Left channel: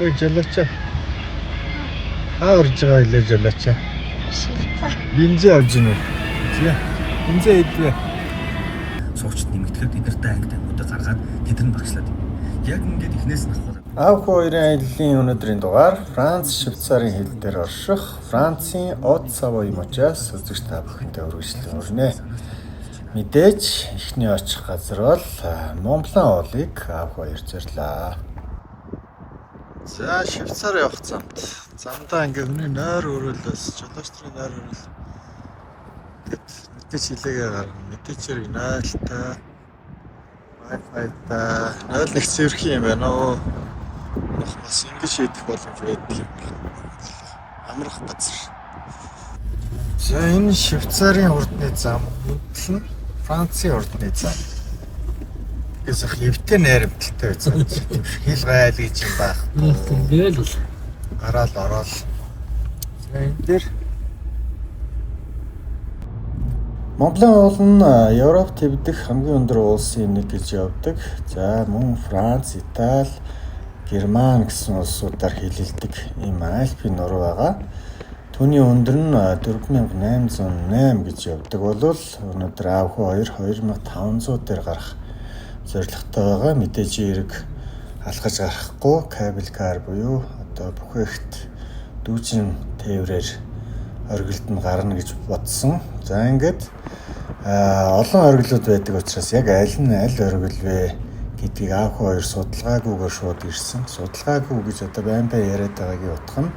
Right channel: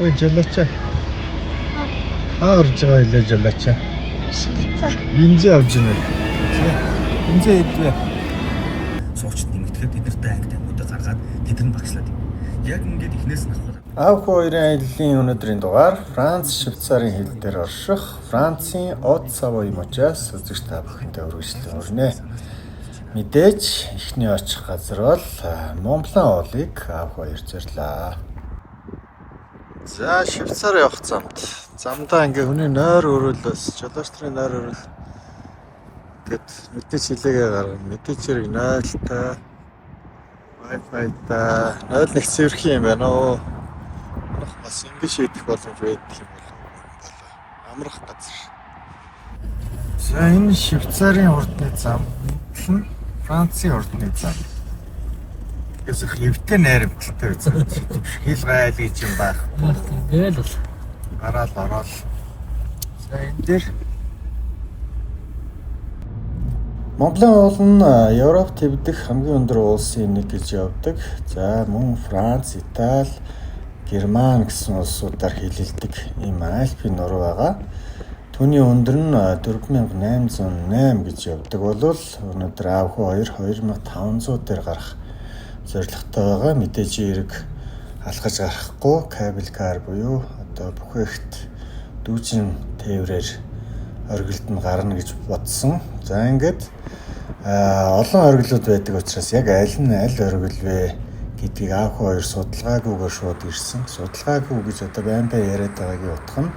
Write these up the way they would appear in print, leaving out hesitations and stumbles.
Ой, жолооч. Орж байгаа хэлээ жолооч. Бензин авч гинэ. Бензин идвэ. Суучид нэмэгдэхэд эдэртэй ангид амьтаа гаргаад тэдэр нь багшлаад. Яг ингээд ихнээс нь авах. Аав хоёрын аяллаа өнөөдрийн дугаар Франц, Швейцарын хил дээр орших Францын Haute-Savoie мужаас үзэгч та бүхэнтэй үргэлжлэн өрнө. Мэдээж эхний очих газар бол Mont Blanc уулыг аав хоёр зорлоо. За Швейцар явах замдаа ингээ хүний нойр өрөөлөөс жолооч нарын нойр өрөөл. Тэгэд мэдээж хилээгээ гарна. Мэдээж хэрэг 0-та Wi-Fi-та 0 нэг цэвэрхэн юм байна оо. Нөх бас ингэж шийдэх боломж байдаг юм бол амрах газар. За энэ Швейцарын урдны зам, энэ нь Францын урдны зам. Тэгээс их эвтэй найрамдалтай байсан. Хил гайл гэж юм байхгүй. Тэгэл бол Гараал ороод. За энэ дээр Mont Blanc уул нь Европ төвдөх хамгийн өндөр улсын нэг гэж явдаг. За мөн Франц, Итали, Герман гэсэн улсуудаар хилэлдэг ийм Альпийн нуруу байгаа. Түүний өндөр нь 4808 гэж явдаг болвол өнөөдөр аав хоёр 2500 дээр гарах зорилготой байгаа. Мэдээж эрг алхаж гарахгүй кабель кар буюу одоо бүхээгт дүүжин тээврээр оргилд нь гарна гэж бодсон. За ингээд олон оргилууд байдаг учраас яг аль нь аль оргил вэ гэдгийг аав хоёр судалгаагүйгээр шууд ирсэн. Судалгаагүй гэж одоо байн яриад байгаагийн утга нь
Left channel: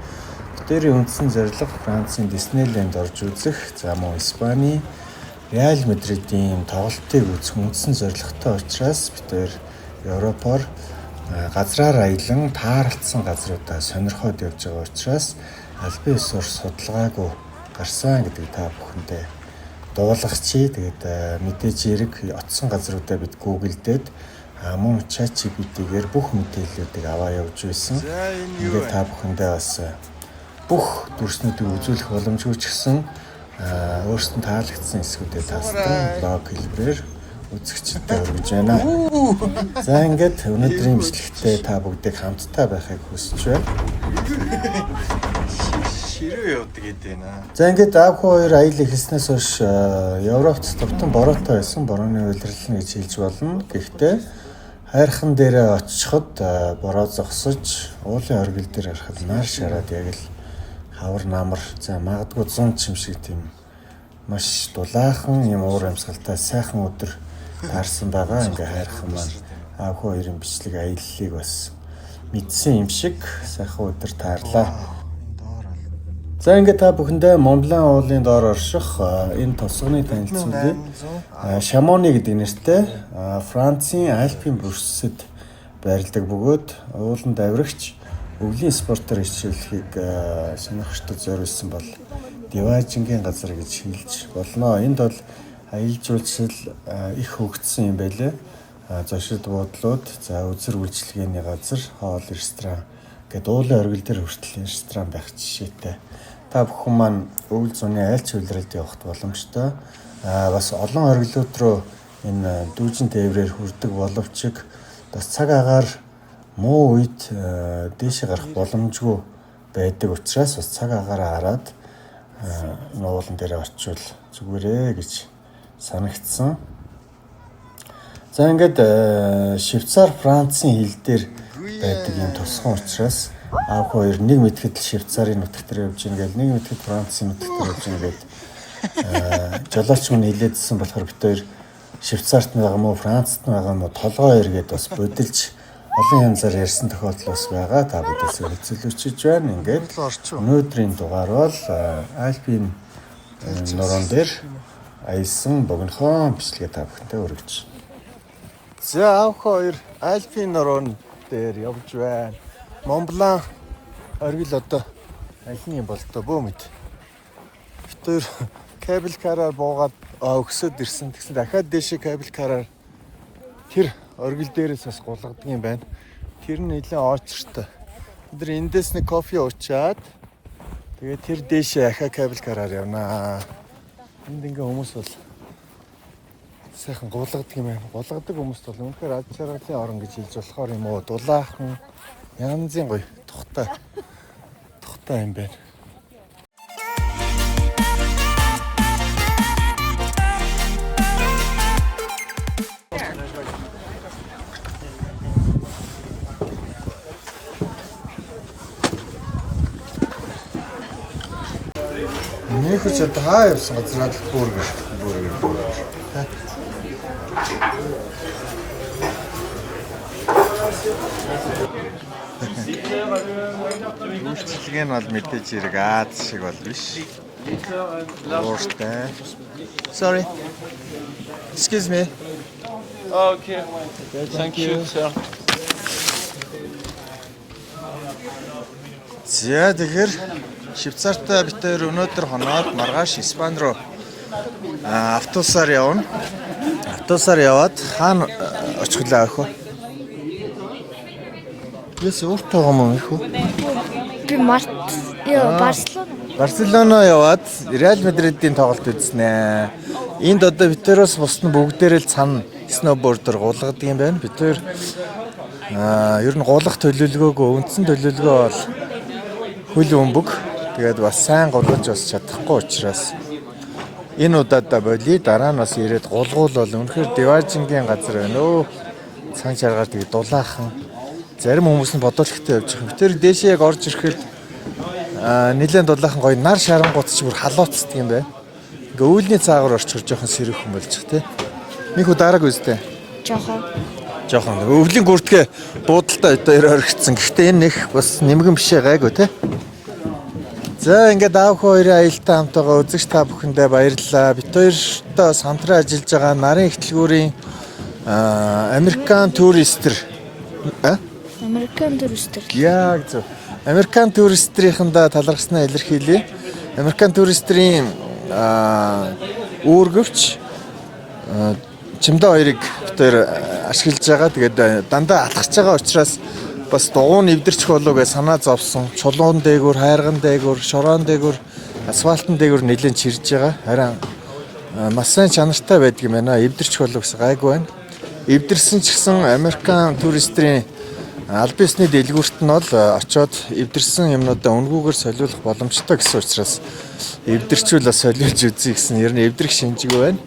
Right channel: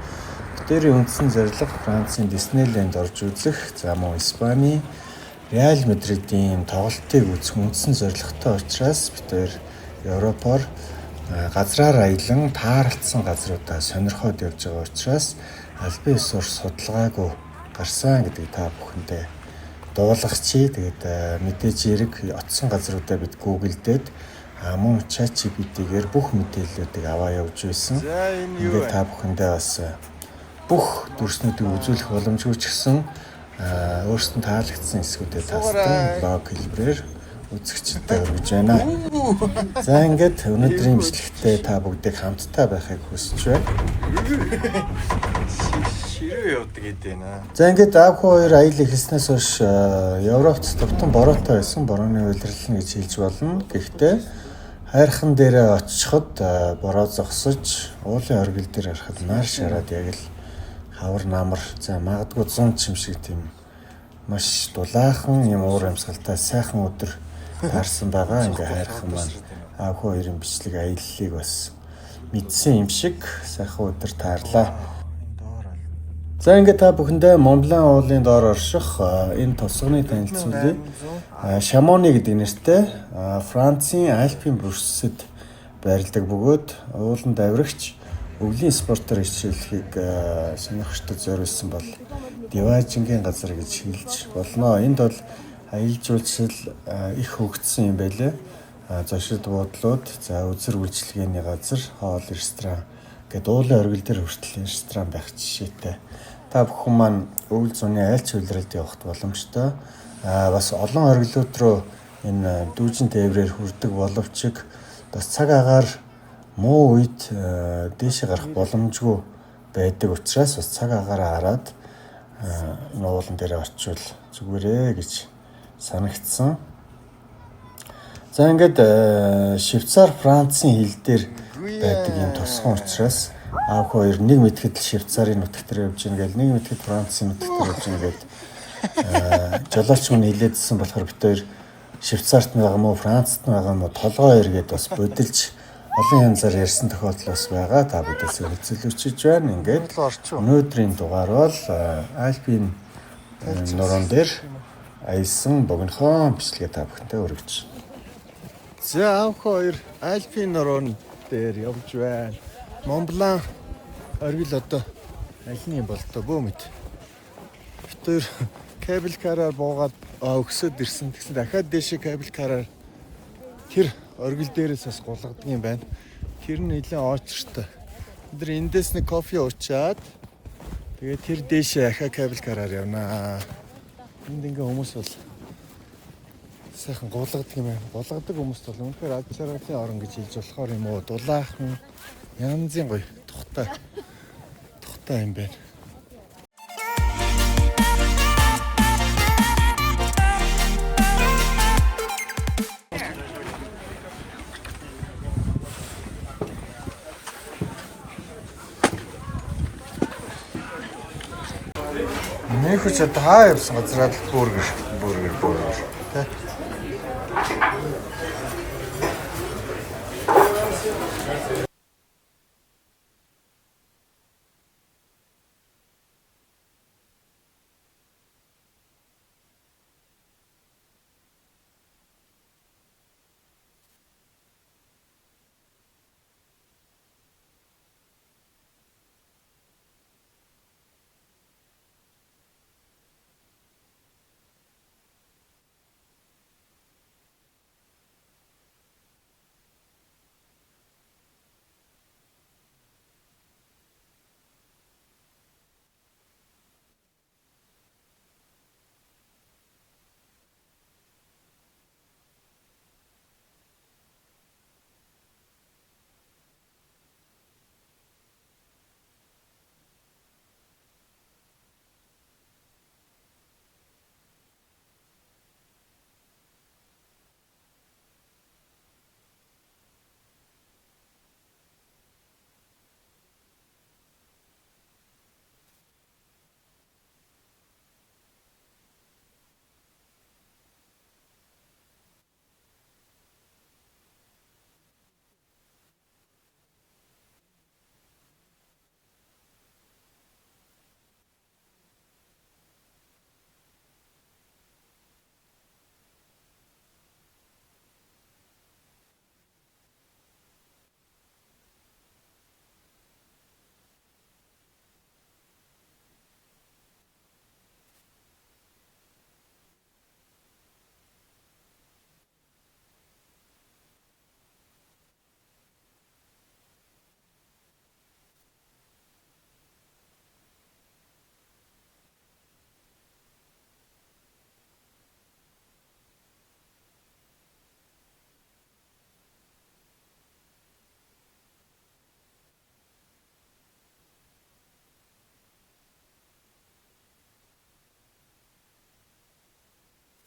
тэрийн үндсэн зорилго Францын Диснейленд орж үзэх, за мөн Испани Реал Мадридийн тоглолтыг үзэх үндсэн зорилготой учраас бид хоёр Европоор газраар аялан тааралцсан газруудаа сонирхоод явж байгаа учраас албан ёсоор судалгаагүй гарсан гэдэг та бүхэндээ дуулгачи. Тэгээд мэдээж эрэг оцсон газруудаа бид гуглдээд мөн ChatGPT-гээр бүх мэдээллүүдийг аваа явж байсан. Ингээд та бүхэндээ бас бүх дүрснүүдийг үзүүлэх боломжгүй ч гэсэн өөрсдөнд таалагдсан хэсгүүдэд тасдан блог хэлбэрээр үзэгчдэд өргөж байна. За ингээд өнөөдрийн бичлэгтээ та бүгдийг хамтдаа байхыг хүсэж байна. Ширээ явдаг гэдэг нэ. За ингээд аав хоёр аялал эхэлснээс хойш Европт товтон бороотой байсан. Борооны уйлрална гэж хэлж болно. Гэхдээ хайрхан дээрээ очиход бороо зогсож уулын оргил дээр харахад нар шараад яг л хавар намар за магадгүй 100 ч юм шиг тийм маш дулаахан юм уур амьсгалтай сайхан өдөр таарсан байгаа. Ингээ хайрхан маань аав хоёрын бичлэг аяллыг бас мэдсэн юм шиг сайхан өдөр таарлаа. За ингээ та бүхэндээ Mont Blanc уулын доор орших энэ тосгоны танилцуулъя. Шамони гэдэг нэртэй Францын Альпийн бүрсэд байрладаг бөгөөд ууланд авирагч өвлийн спортоор хичээллэхийг сонирхчдод зориулсан бол диважингийн газар гэж хэлж болно. Энд бол аялал жуулчлал их хөгжсөн юм байлээ. Зочид буудлууд, за үзэр үйлчилгээний газар, хоол, ресторан гэдэг уулын оргил дээр хүртэл ресторан байх жишээтэй. Та бүхэн маань өвөл зуны аль ч улиралд явахд боломжтой. Бас олон оргилууд руу энэ дүүжин тээврээр хүрдэг боловч бас цаг агаар муу үед дээшээ гарах боломжгүй байдаг учраас бас цаг агаараа хараад уулан дээр очивол зүгээрээ гэж санагдсан. За ингээд Швейцар Францын хил дээр байдаг юм тусган учраас аав хоёр нэг мэдхэд Швейцарын нутагт явж гин гэл нэг мэдхэд Францын нутагт явж гин гээд жолооч мань хэлээдсэн болохоор бид хоёр Швейцарт байгаа мó Францт байгаа мó толгой эргээд бас бодилж олон янзаар ярьсан тохиолдол бас байгаа. Та бүдээс хөцөлөвчж байна. Ингээд өнөөдрийн дугаар бол Альпийн нуруунд дээр аялсан богинохон бичлэгээ та бүхэнтэй өргөж. За аав хоёр Альпийн нуруунд дээр явж байна. Mont Blanc оргил одоо алин юм бол тоо бөө мэд. Тэр кабель караар буугаад өгсөд ирсэн. Тэгсэн дахиад дээшээ кабель караар тэр оргил дээрээс бас гулгадаг юм байна. Тэр нь нэлээд очртой. Бид эндээс нэг кофе уучаад тэгээд тэр дээшээ ахаа кабель караар явнаа. Энд ингээ хүмүүс бол сайхан гулгадаг юм байна. Гулгадаг хүмүүс бол үнэхээр ад шаргалын орон гэж хэлж болохоор юм уу? Дулаахан Янзын гоё тухтай юм байна. Нэг хүч одоо хаа явсан газраа бүргэр. Тэ. Үйлчлэг нь бол мэдээж хэрэг Аз шиг бол биш. Ууртай. Sorry. Excuse me. Okay. Thank you, sir. За тэгэхээр Швейцартай бид хоёр өнөөдөр хоноод маргааш Испани руу автобусаар явна. Автобусаар яваад хаана очих вэ ах вэ? Яс өөртөө юм уу их үү? Би Барселона яваад Реал Мадридийн тоглолт үзнэ. Энд одоо Витерос бусд нь бүгдээрээ л цана сноубордер гулгадаг юм байна. Бид хоёр ер нь гулгах төлөвлөгөөгөө үндсэн төлөвлөгөө бол хөл өмбөг. Тэгээд бас сайн гулгаж бас чадахгүй учраас энэ удаад боли дараа нь бас ирээд гулгуул бол үнэхээр Диважингийн газар байна өө. Цан чаргаар тэгээд дулаахан. Зарим хүмүүс нь бодолхтой явж байгаа. Тэр дээшээ яг орж ирэхэд нэлээд дулаахан гоё нар шарангууд ч бүр халууцдаг юм байна. Ингээ үүлний цаагаар орчихор жоохон сэрүүхэн болж байгаа тий. Нэг удараг үстэй. Жоохон. Өвлийн гүртгэ буудалтай одоо орхицсан. Гэхдээ энэ нэг бас нэмгэн бишээ гайгүй тий. За ингээд аав хоёрын аюултай хамтайгаа үзэгч та бүхэндээ баярлалаа. Бид хоёртой хамтран ажиллаж байгаа нарын ихтлгүүрийн Американ туристэр Яг зөв. Американ туристрийнхандаа талархснаа илэрхийлье. Американ туристрийн үүргэвч чимдээ хоёрыг бид хоёр ашиглаж байгаа. Тэгээд дандаа алхаж байгаа учраас бас дугуун эвдэрчих болов гэж санаа зовсон. Чулуун дээгүүр, хайрган дээгүүр, шороон дээгүүр, асфальтын дээгүүр нэлээд чирж байгаа. Харин маш сайн чанартай байдаг юм байна. Эвдэрчих болов гэсэн гайгүй байна. Эвдэрсэн ч гэсэн Американ туристрийн аль бисны дэлгүүрт нь бол очоод эвдэрсэн юмнуудаа үнгүүгээр солиулах боломжтой гэсэн учраас эвдэрчүүл бас солиулж үзье гэсэн ер нь эвдэрх шинжгүй байна.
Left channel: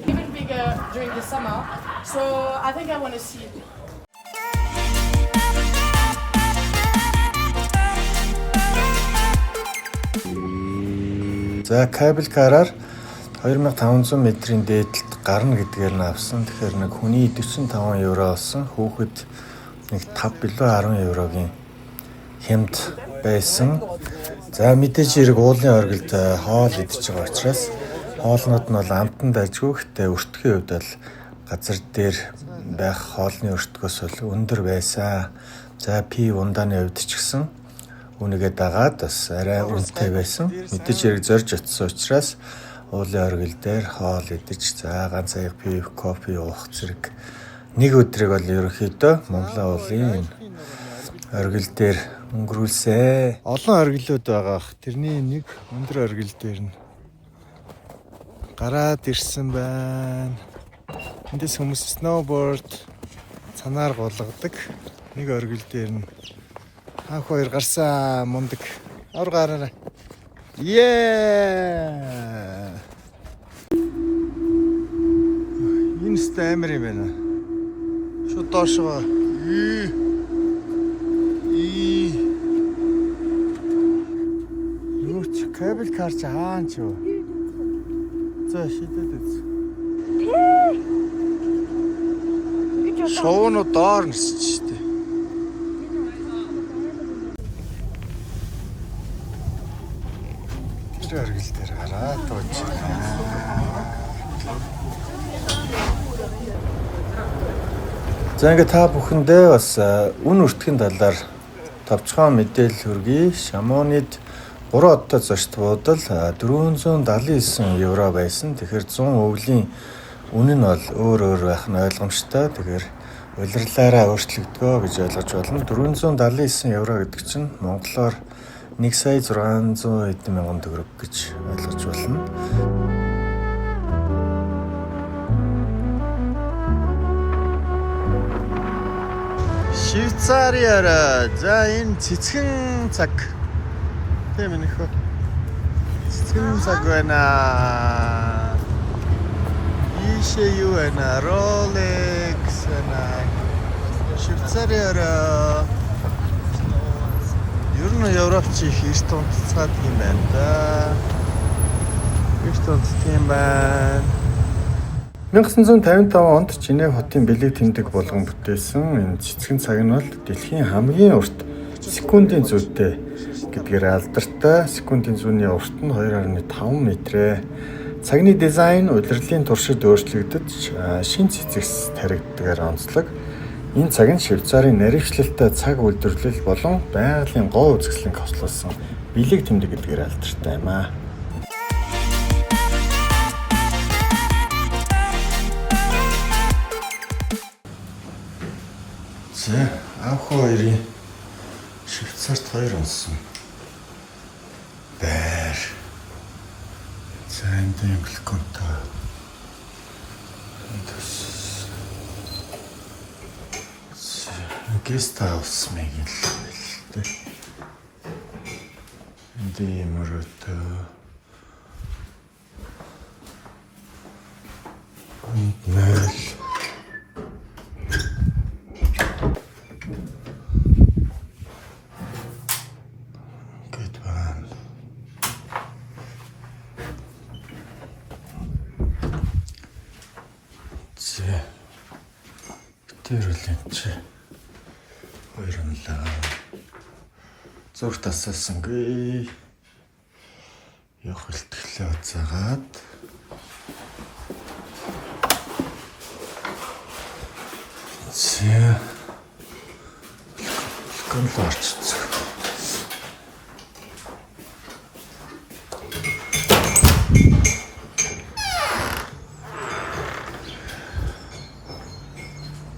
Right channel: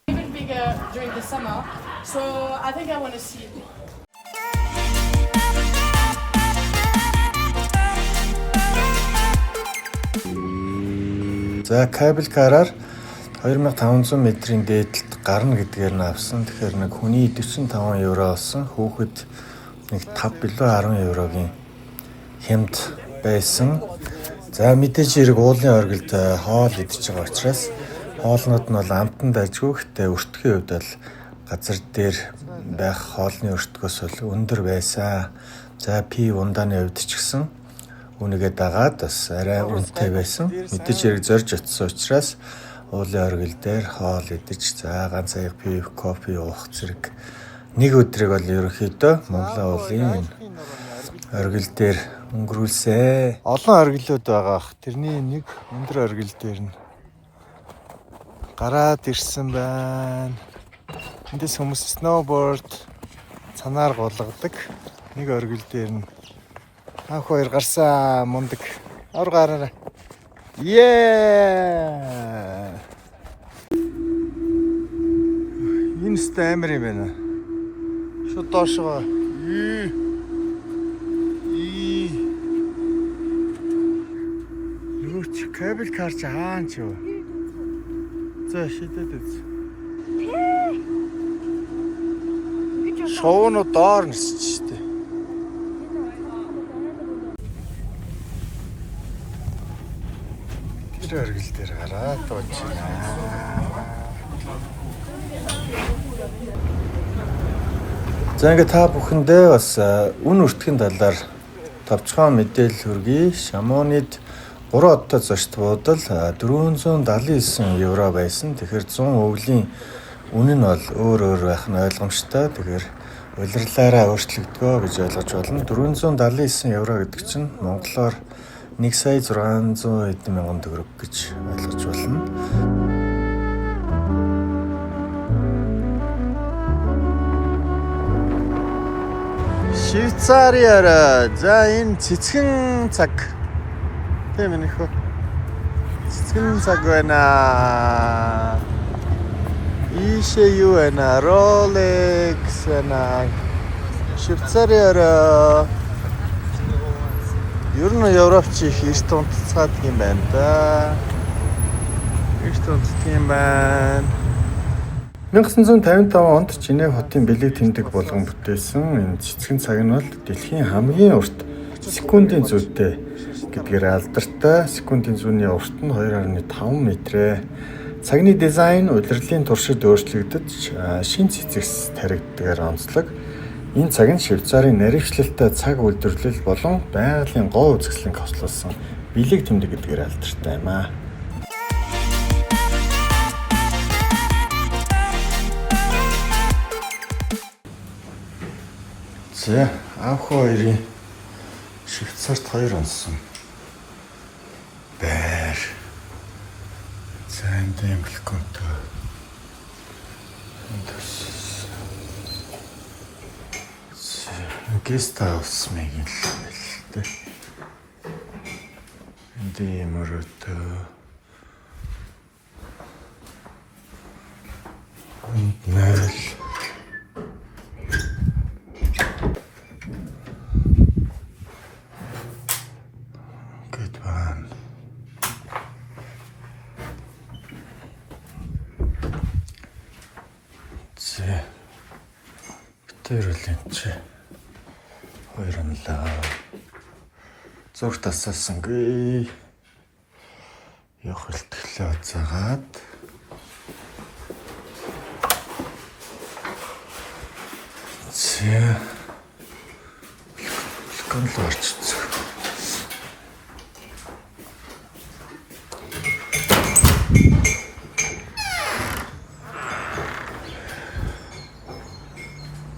За кабель караар 2500 метрийн дээдлэлд гарна гэдгээр нь авсан. Тэгэхээр нэг хүний 45 евро болсон. Хүүхэд нэг 5 билүү 10 еврогийн хямд байсан. За мэдээж хэрэг уулын оргилд хоол идэж байгаа учраас хоолнууд нь бол амтанд ажгүй. Гэхдээ өртгийн хувьд бол газар дээр байх хоолны өртгөөс бол өндөр байсан. За пи ундааны хувьд ч гэсэн үнэгээ дагаад бас арай үнэтэй байсан. Мэдээж хэрэг зорж очсон учраас уулын оргил дээр хоол идэж за ганц аяг пив, кофе уух зэрэг нэг өдрийг бол ерөнхийдөө Монголын уулын оргил дээр өнгөрүүлсэн. Олон оргилууд байгаа. Тэрний нэг өндөр оргил дээр нь гараад ирсэн байна. Эндээс хүмүүс сноуборд цанаар гулгадаг. Нэг оргил дээр нь анх хоёр гарсан мундаг ор гараараа. Энэ стамер юм байна. Шууд доошоо. Юуч кабель кар чи хаан ч юу. За шидэд үз. Шоуно доор нисч штэ. Тэр оргил дээр гараад тууч байна. За ингээд та бүхэндээ бас үн өртгийн талаар товчхон мэдээлэл хүргэе. Шамонид 3 одтой зочд буудал 479 евро байсан. Тэгэхээр 100 өвлийн үн нь бол өөр байх нь ойлгомжтой. Тэгэхээр улирлаараа өөрчлөгдгөө гэж ойлгож байна. 479 евро гэдэг чинь монголоор 1,600,000 төгрөг гэж ойлгож байна. Швейцариар. За энэ цэцгэн цаг. Тийм ээ нөхөө. Цэцгэн цаг байна. Ийшээ юу байна? Rolex байна. Швейцариар. Ер нь Европч их эрт унтцаад юм байна да. Эрт унтдаг юм байна. 1955 онд Женев хотын бэлэг тэмдэг болгон бүтээсэн энэ цэцгэн цаг нь бол дэлхийн хамгийн урт секундын зүйтэй гэдгээр алдартай. Секундын зүүнний урт нь 2.5 метрээ. Цагны дизайн удирдлын туршид өөрчлөгдөж шин цэцэгс таригддгаар онцлог. Энэ цаг нь Швейцарын нарийвчлалтай цаг үйлдвэрлэл болон байгалийн гоо үзэсгэлэнг хослуулсан бэлэг тэмдэг гэдгээр алдартай юм аа. За, анх хоёрын Швейцарт 2 онсон байр. За, энэ эмбликонтой. Guest house мэгэн л байна. Энд юмрото. Мэл. Good one. Зэ. Тэрэлэнч. Хоёрлаа. Зүрх тасаасангүй. Явах хэлтгэлээ уцаагаад. Зэ. Конлорч.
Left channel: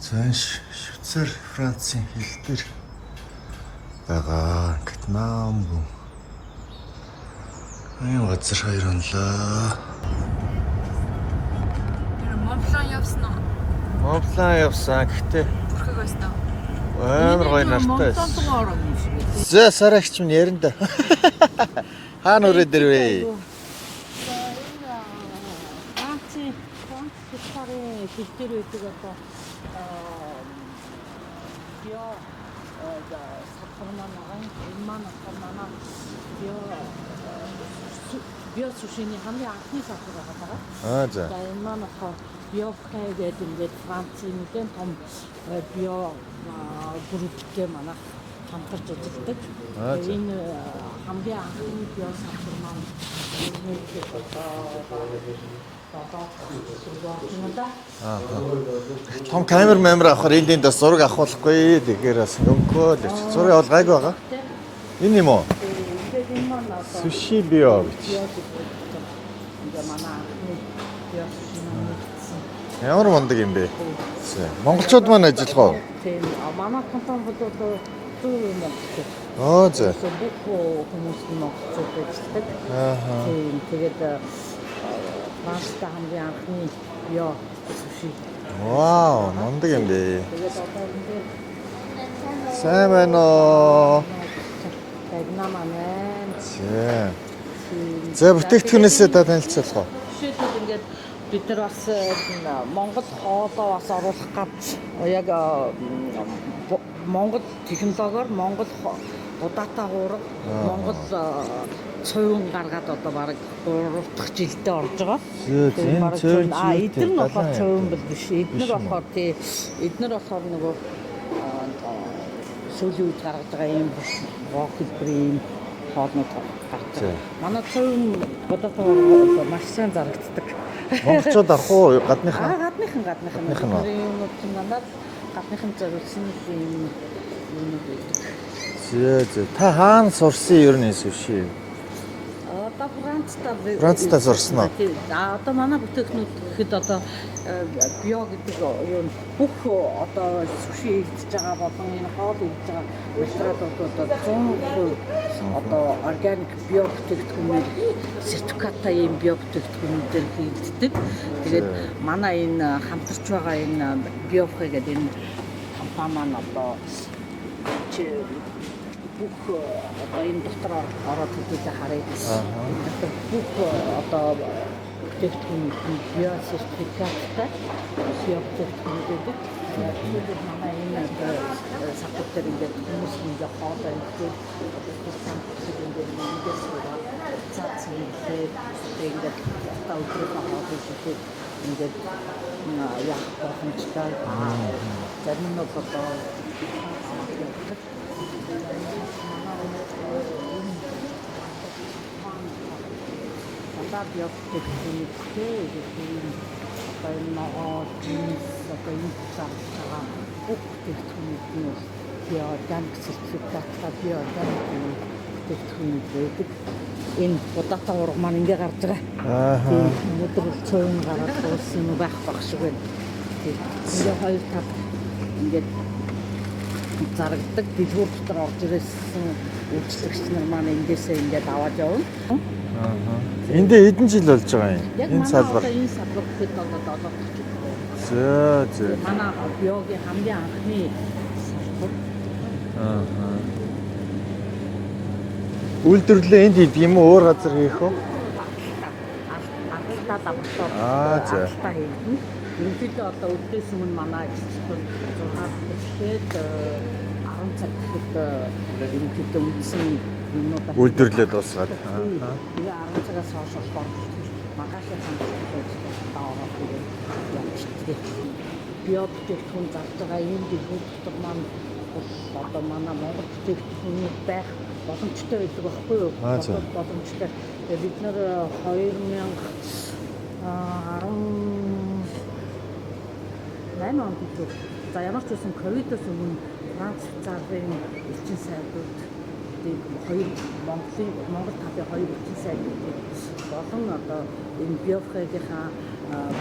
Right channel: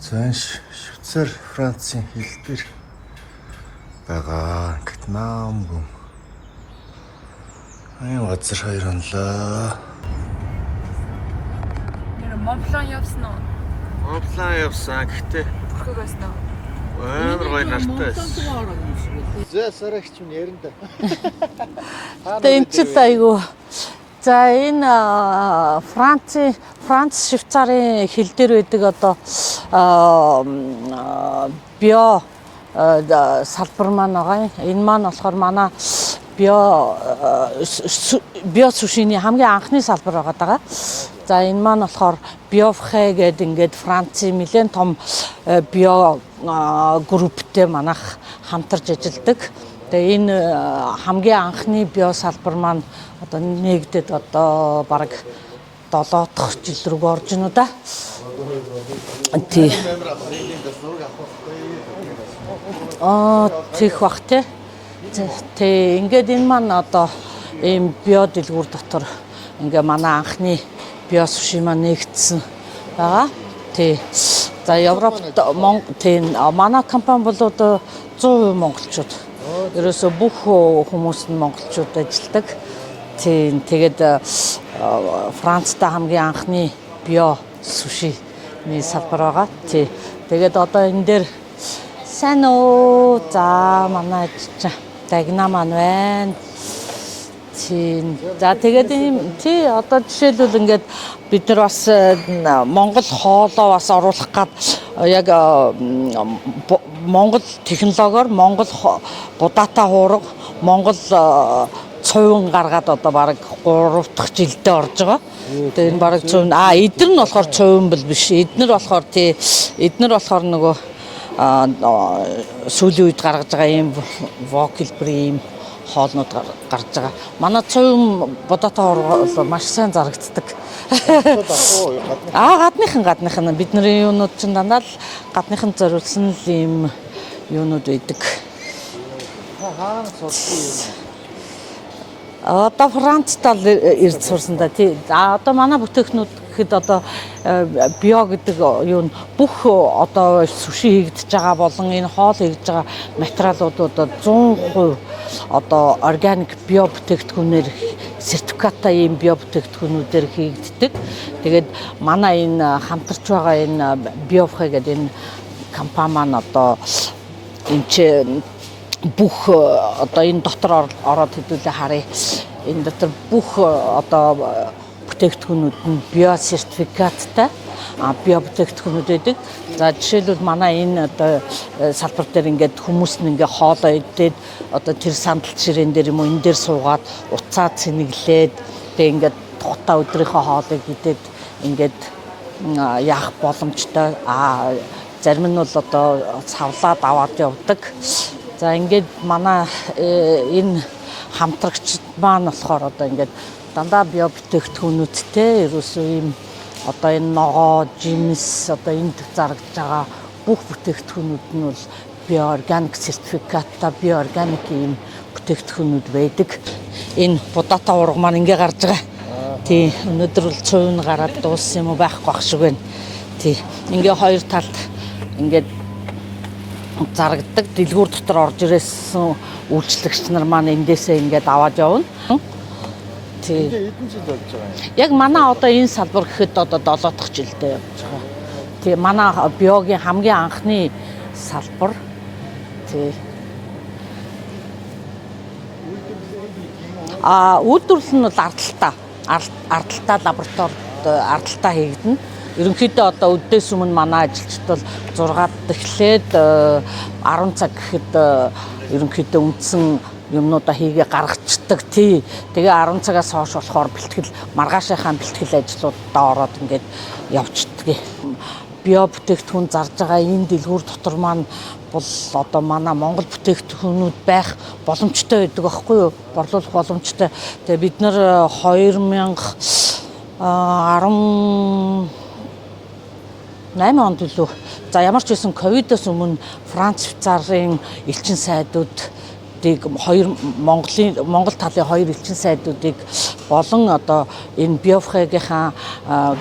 Швейцар, Францын хил дээр байгаа Гетман. Аян газар хоёр онлоо. Монплан явсан уу? Монплан явсан гэхдээ Бүрхэг байсан уу? амар гоё нартай. Монплан тугаар юм шиг үү? За сарагч минь ярина да. Хаана үрээд ирвэ? Айгу. За энэ Франц Швейцарын хил дээр байдаг одоо био салбар маань байгаа. Энэ маань болохоор манай био сушины хамгийн анхны салбар байгаа. За энэ маань болохоор биофхэ гэдэг ингээд Францын нэлээд том био групптэй манайх хамтарч ажилладаг. Тэгээ энэ хамгийн анхны био салбар маань одоо нэгдэд одоо бараг 7 дахь жил рүү орж гинэ да. Камер мэмэр авахар эндийн дэс зураг авахгүй тэгэхээр бас нөкөө зураг явуулгаагүй бах тий. Энэ юм уу? Тий, ингээд энэ маань одоо ийм био дэлгүүр дотор ингээ манай анхны био суши маань нэгдсэн. Ямар болдог юм бэ? Тий. За Европ тий, манай компани бол одоо 100% монголчууд. Ерөөсө бүх хүмүүс нь монголчууд ажилладаг. Тий, тэгээд Францтай хамгийн анхны био суши салбар байгаа. Тий. Тэгээд одоо энэ дээр сайн уу? За манай дагна маань байна. Тий. За бүтээгдэхүүнээсээ танилцуулъя. Тий, одоо жишээлбэл ингээд бид нар бас Монгол хоолоо бас оруулах гад яг Монгол технологиор Монгол гудаатай хуурга Монгол цовин гаргаад одоо бараг 3 дахь жилдээ орж байгаа. Тэгээд бараг цовин эдгээр нь болохоор цовин бол биш. Эдгээр болохоор тий эдгээр болохоор нөгөө сүүлийн үед гаргаж байгаа ийм вокилбрийн хоолнууд гарч байгаа. Манай цовин бодоотой хооргоо маш сайн зарагддаг. Монголчууд авах уу гадныхан? Гадныхан бидний юунууд чинь дандаа л гадныхан зориулсан л ийм юунууд байдаг. Зөө. Та хаана сурсан ер нь суши? Одоо Францтай ирж сурсан да тий. Одоо манай бүтээгнүүд гэхэд одоо био гэдэг юу нь бүх одоо суши хийгдэж байгаа болон энэ хоол хийгдэж байгаа материалууд одоо 100% одоо органик био бүтээгдэхүүнээр сертификаттай ийм био бүтээгдэхүүнүүдээр хийгддэг. Тэгээд манай энэ хамтарч байгаа энэ биофхэ гэдэг энэ компани маань одоо энэ чи бүх одоо энэ дотор ороод хэдүүлээ харъя. Энэ дотор бүх одоо бүтээгдэхүүнүүд нь био сертификаттай био бүтээгдэхүүнүүд байдаг. За жишээлбэл манай энэ одоо салбар дээр ингээд хүмүүс нь ингээд хоолоо идээд одоо тэр сандал жирэн дээр юм уу энэ дээр суугаад уцаа цэнэглээд тэгээ ингээд тухта өдрийнхөө хоолыг идээд ингээд яах боломжтой. Зарим нь бол одоо цавлаад аваад явдаг. За ингээд манай энэ хамтрагчид маань болохоор одоо ингээд дандаа био бүтээгдэхүүнүүдтэй ерөөсөө ийм одоо энэ ногоо, жимс одоо энд зарагдж байгаа бүх бүтээгдэхүүнүүд нь бол био органик сертификаттай био органик ийм бүтээгдэхүүнүүд байдаг. Энэ будаатай ураг маань ингээ гарч байгаа. Тий, өнөөдөр бол цувн гараад дууссан юм уу байхгүй байх шиг байна. Тий, ингээ хоёр талд ингээд зарагддаг дэлгүүр дотор орж ирсэн үйлчлэгч нар маань эндээсээ ингээд аваад явна. Эндээ хэдэн жил болж байгаа юм? Яг манай одоо энэ салбар гэхэд одоо 7 дахь жилдээ. Тий, манай биогийн хамгийн анхны салбар. Тий. Үйлдвэрлэлээ энд хийдэг юм уу? Өөр газар? Үйлдвэрлэл нь бол ардталтаа лабораторид ардталтаа хийгдэнэ. Ерөнхийдөө одоо өдөөс өмнө манай ажилчид бол 6-д эхлээд 10 цаг гэхэд ерөнхийдөө үндсэн юмнуудаа хийгээ гаргацдаг. Тий. Тэгээ 10 цагаас хойш болохоор бэлтгэл маргаашийнхаа бэлтгэл ажлуудаа ороод ингээд явцдаг. Био бүтээгдэхүүн зарж байгаа энэ дэлгүүр дотор маань бол одоо манай Монгол бүтээгдэхүүнүүд байх боломжтой байдаг байхгүй юу? Борлуулах боломжтой. Тэгээ бид нар 2018 онд илүү. За ямар ч байсан ковидоос өмнө Франц, Швейцарын элчин сайдууд Монгол талын хоёр элчин сайдуудыг болон одоо энэ биофхагийнхаа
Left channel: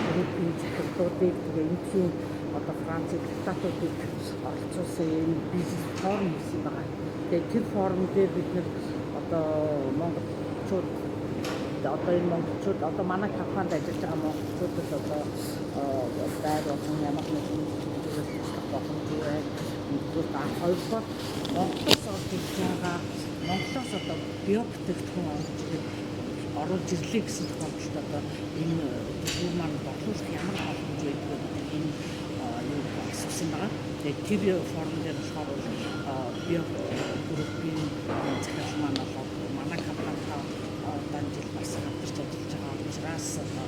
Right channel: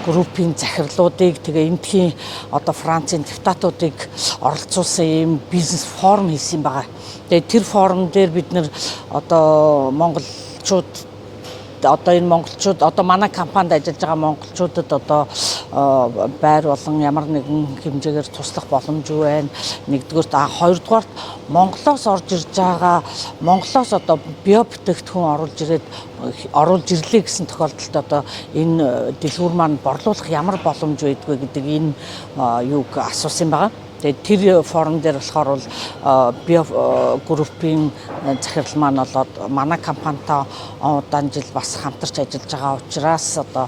группийн захирлуудыг тэгээ эндхийн одоо Францын депутатуудыг оролцуулсан ийм бизнес форум хийсэн байгаа. Тэгээ тэр форум дээр бид нэр одоо монголчууд одоо энэ монголчууд одоо манай компанид ажиллаж байгаа монголчуудад одоо байр болон ямар нэгэн хэмжээгээр туслах боломж юу байна. Нэгдүгээр хоёрдугаар Монголоос орж ирж байгаа Монголоос одоо био бүтээгдэхүүн оруулж ирлээ гэсэн тохиолдолд одоо энэ дэлгүүр маань борлуулах ямар боломж байдгүй гэдэг энэ юуг асуусан байгаа. Тэгээд тэр форум дээр болохоор бол био группийн захирал маань болоод манай компанитай удаан жил бас хамтарч ажиллаж байгаа учраас одоо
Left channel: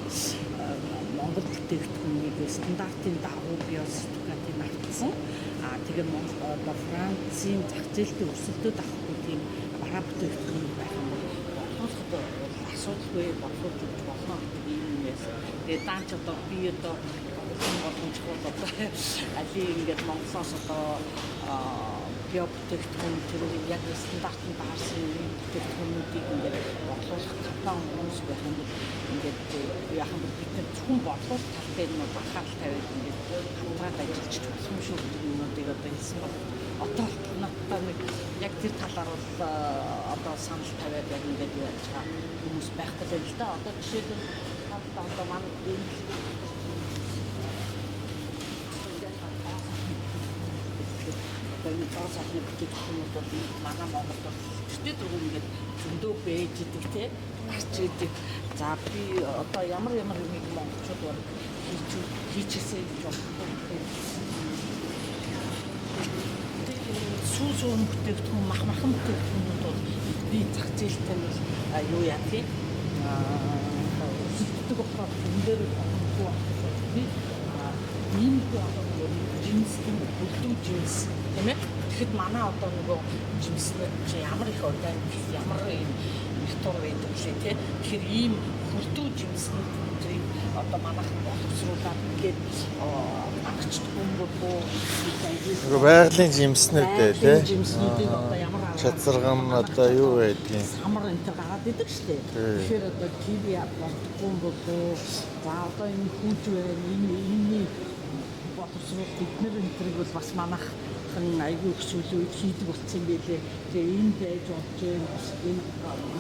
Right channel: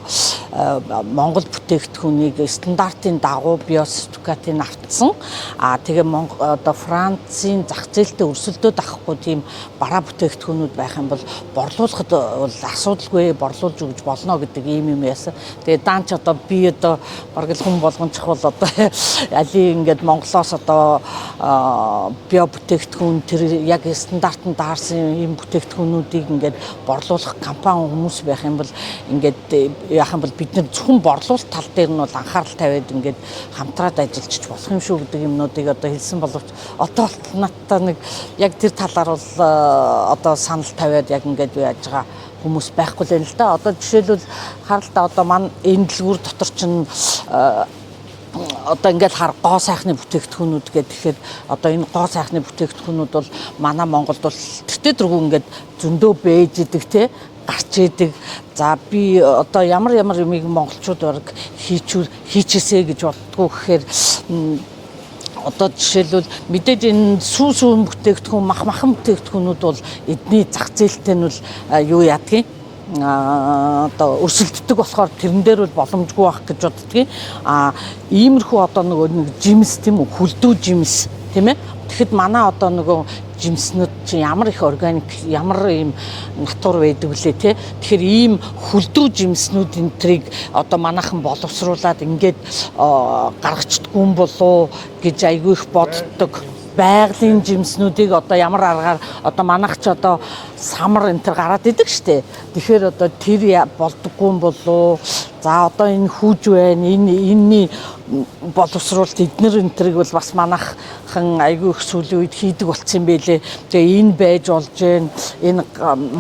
Монгол бүтээгдэхүүнийг стандартын дагуу био сертификатыг автсан. Тэгээ одоо Францын зах зээлтэй өрсөлдөөд авахгүй тийм бараа бүтээгдэхүүнүүд байх юм бол борлуулахад бол асуудалгүй борлуулж өгч болно гэдэг ийм юм яасан. Тэгээ даанч одоо би одоо бараг л хүн болгон чухал одоо алийг ингээд Монголоос одоо био бүтээгдэхүүн тэр яг стандартанд таарсан ийм бүтээгдэхүүнүүдийг ингээд борлуулах компани хүмүүс байх юм бол ингээд яах юм бол бид нар зөвхөн борлуулалт тал дээр нь бол анхаарал тавиад ингээд хамтраад ажиллаж болох юм шүү гэдэг юмнуудыг одоо хэлсэн боловч одоо надтай нэг яг тэр талаар бол одоо санал тавиад яг ингээд яаж байгаа хүмүүс байхгүй л л да. Одоо жишээлбэл харалтаа одоо маань энэ дэлгүүр дотор чинь одоо ингээд гоо сайхны бүтээгдэхүүнүүд гэхээр одоо энэ гоо сайхны бүтээгдэхүүнүүд бол манай Монголд бол тэртээ дөрвөн ингээд зөндөө бэж идэг те гарч идэг. За би одоо ямар юмыг монголчууд бараг хийчихээсэ гэж боддгоо гэхээр одоо жишээлбэл мэдээж энэ сүүн бүтээгдэхүүн махан бүтээгдэхүүнүүд бол эдний зах зээлтэй нь бол юу яадгийг одоо өрсөлддөг болохоор тэрэн дээр бол боломжгүй байх гэж боддгийг. Иймэрхүү одоо нэг жимс тийм үү хүлдүү жимс тийм ээ. Тэгэхэд манай одоо нөгөө жимснүүд чинь ямар их органик ямар ийм натур байдаг вүлээ те. Тэгэхээр ийм хүлдүү жимснүүд энтрийг одоо манайхан боловсруулад ингээд гаргацдаггүй юм болоо гэж айгүй их боддог. Байгалийн жимснүүдийг одоо ямар аргаар одоо манайх ч одоо самар энтер гараад идэг штэ. Тэгэхээр одоо тэр болдоггүй юм болоо. За одоо энэ хүүж байна. Энэний боловсруулалт эднэр энтрийг бол бас манайхан айгүй их сүүлийн үед хийдэг болцсон юм байлээ. Тэгээ энэ байж болж байна. Энэ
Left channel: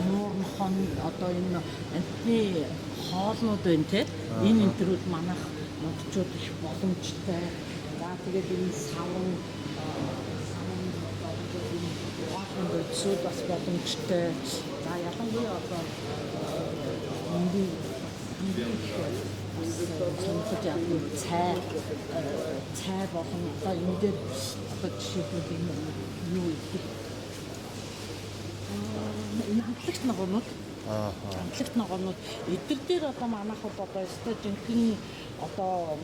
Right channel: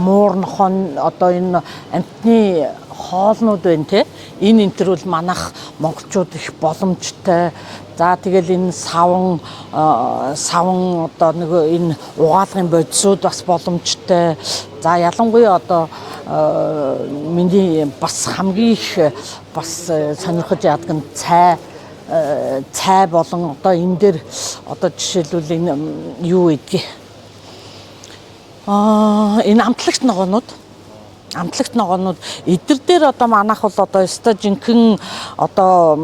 муур нохоо одоо энэ амтны хоолнууд байна те. Энэ энэ төр бол манайх монголчууд их боломжтой. За тэгэл энэ саван одоо нэг энэ угаалгын бодисууд бас боломжтой. За ялангуяа одоо миний бас хамгийн их бас сонирхож яадаг нь цай болон одоо энэ дээр одоо жишээлбэл энэ юу гэдгийг энэ амтлагч ногоонууд эдгээр дээр одоо манайх бол одоо өстой жинхэнэ одоо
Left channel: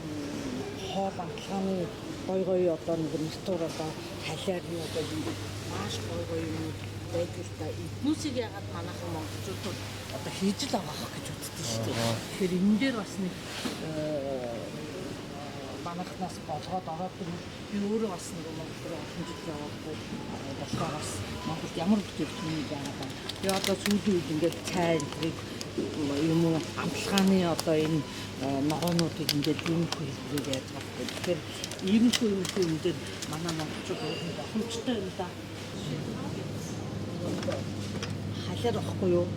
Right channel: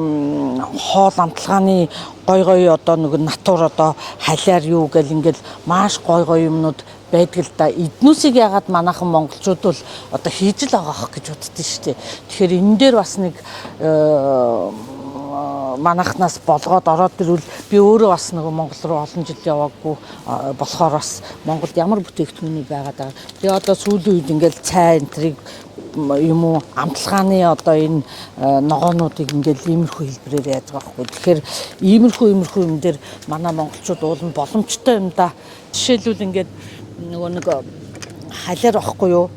хоол амтлагааны гой одоо нэг натур одоо халиар юу гэл ингээл маш гой юмнууд байдаг л да. Эднүсийг ягаад манайхан монголчууд бол одоо хийж л байгаа гэж боддөө шүү дээ. Тэгэхээр энэ дээр бас нэг манайхнаас болгоод ороод ирвэл би өөрөө бас нэг Монгол руу олон жил яваагүй болохоор бас Монголд ямар бүтээгдэхүүнүүд байгаад байгаа. Тэгээ одоо сүүлийн үед ингээл цай энтриг юм уу амтлагааны одоо энэ ногоонуудыг ингээл иймэрхүү хэлбэрээр яаж байгаа байхгүй. Тэгэхээр иймэрхүү юм дээр манай монголчууд уулын боломжтой юм да. Жишээлбэл ингээд нөгөө нэг халиар واخгүй юу?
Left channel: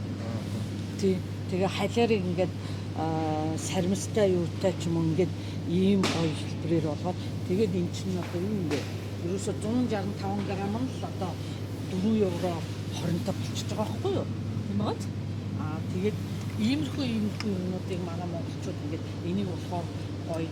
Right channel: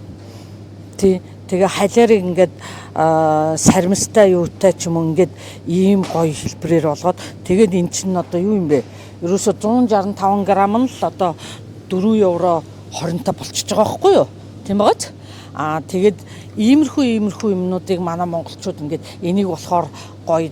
Тий. Тэгээ халиарыг ингээд сармистай юутай ч юм уу ингээд ийм гоё хэлбэрээр болгоод тэгээд эн чинь одоо юу юм бэ? Ерөөсө 165 грамм нь л одоо 4 евро 25 болчихж байгаа байхгүй юу? Тийм байгааз? Тэгээд иймэрхүү юмнуудыг манай монголчууд ингээд энийг болохоор гоё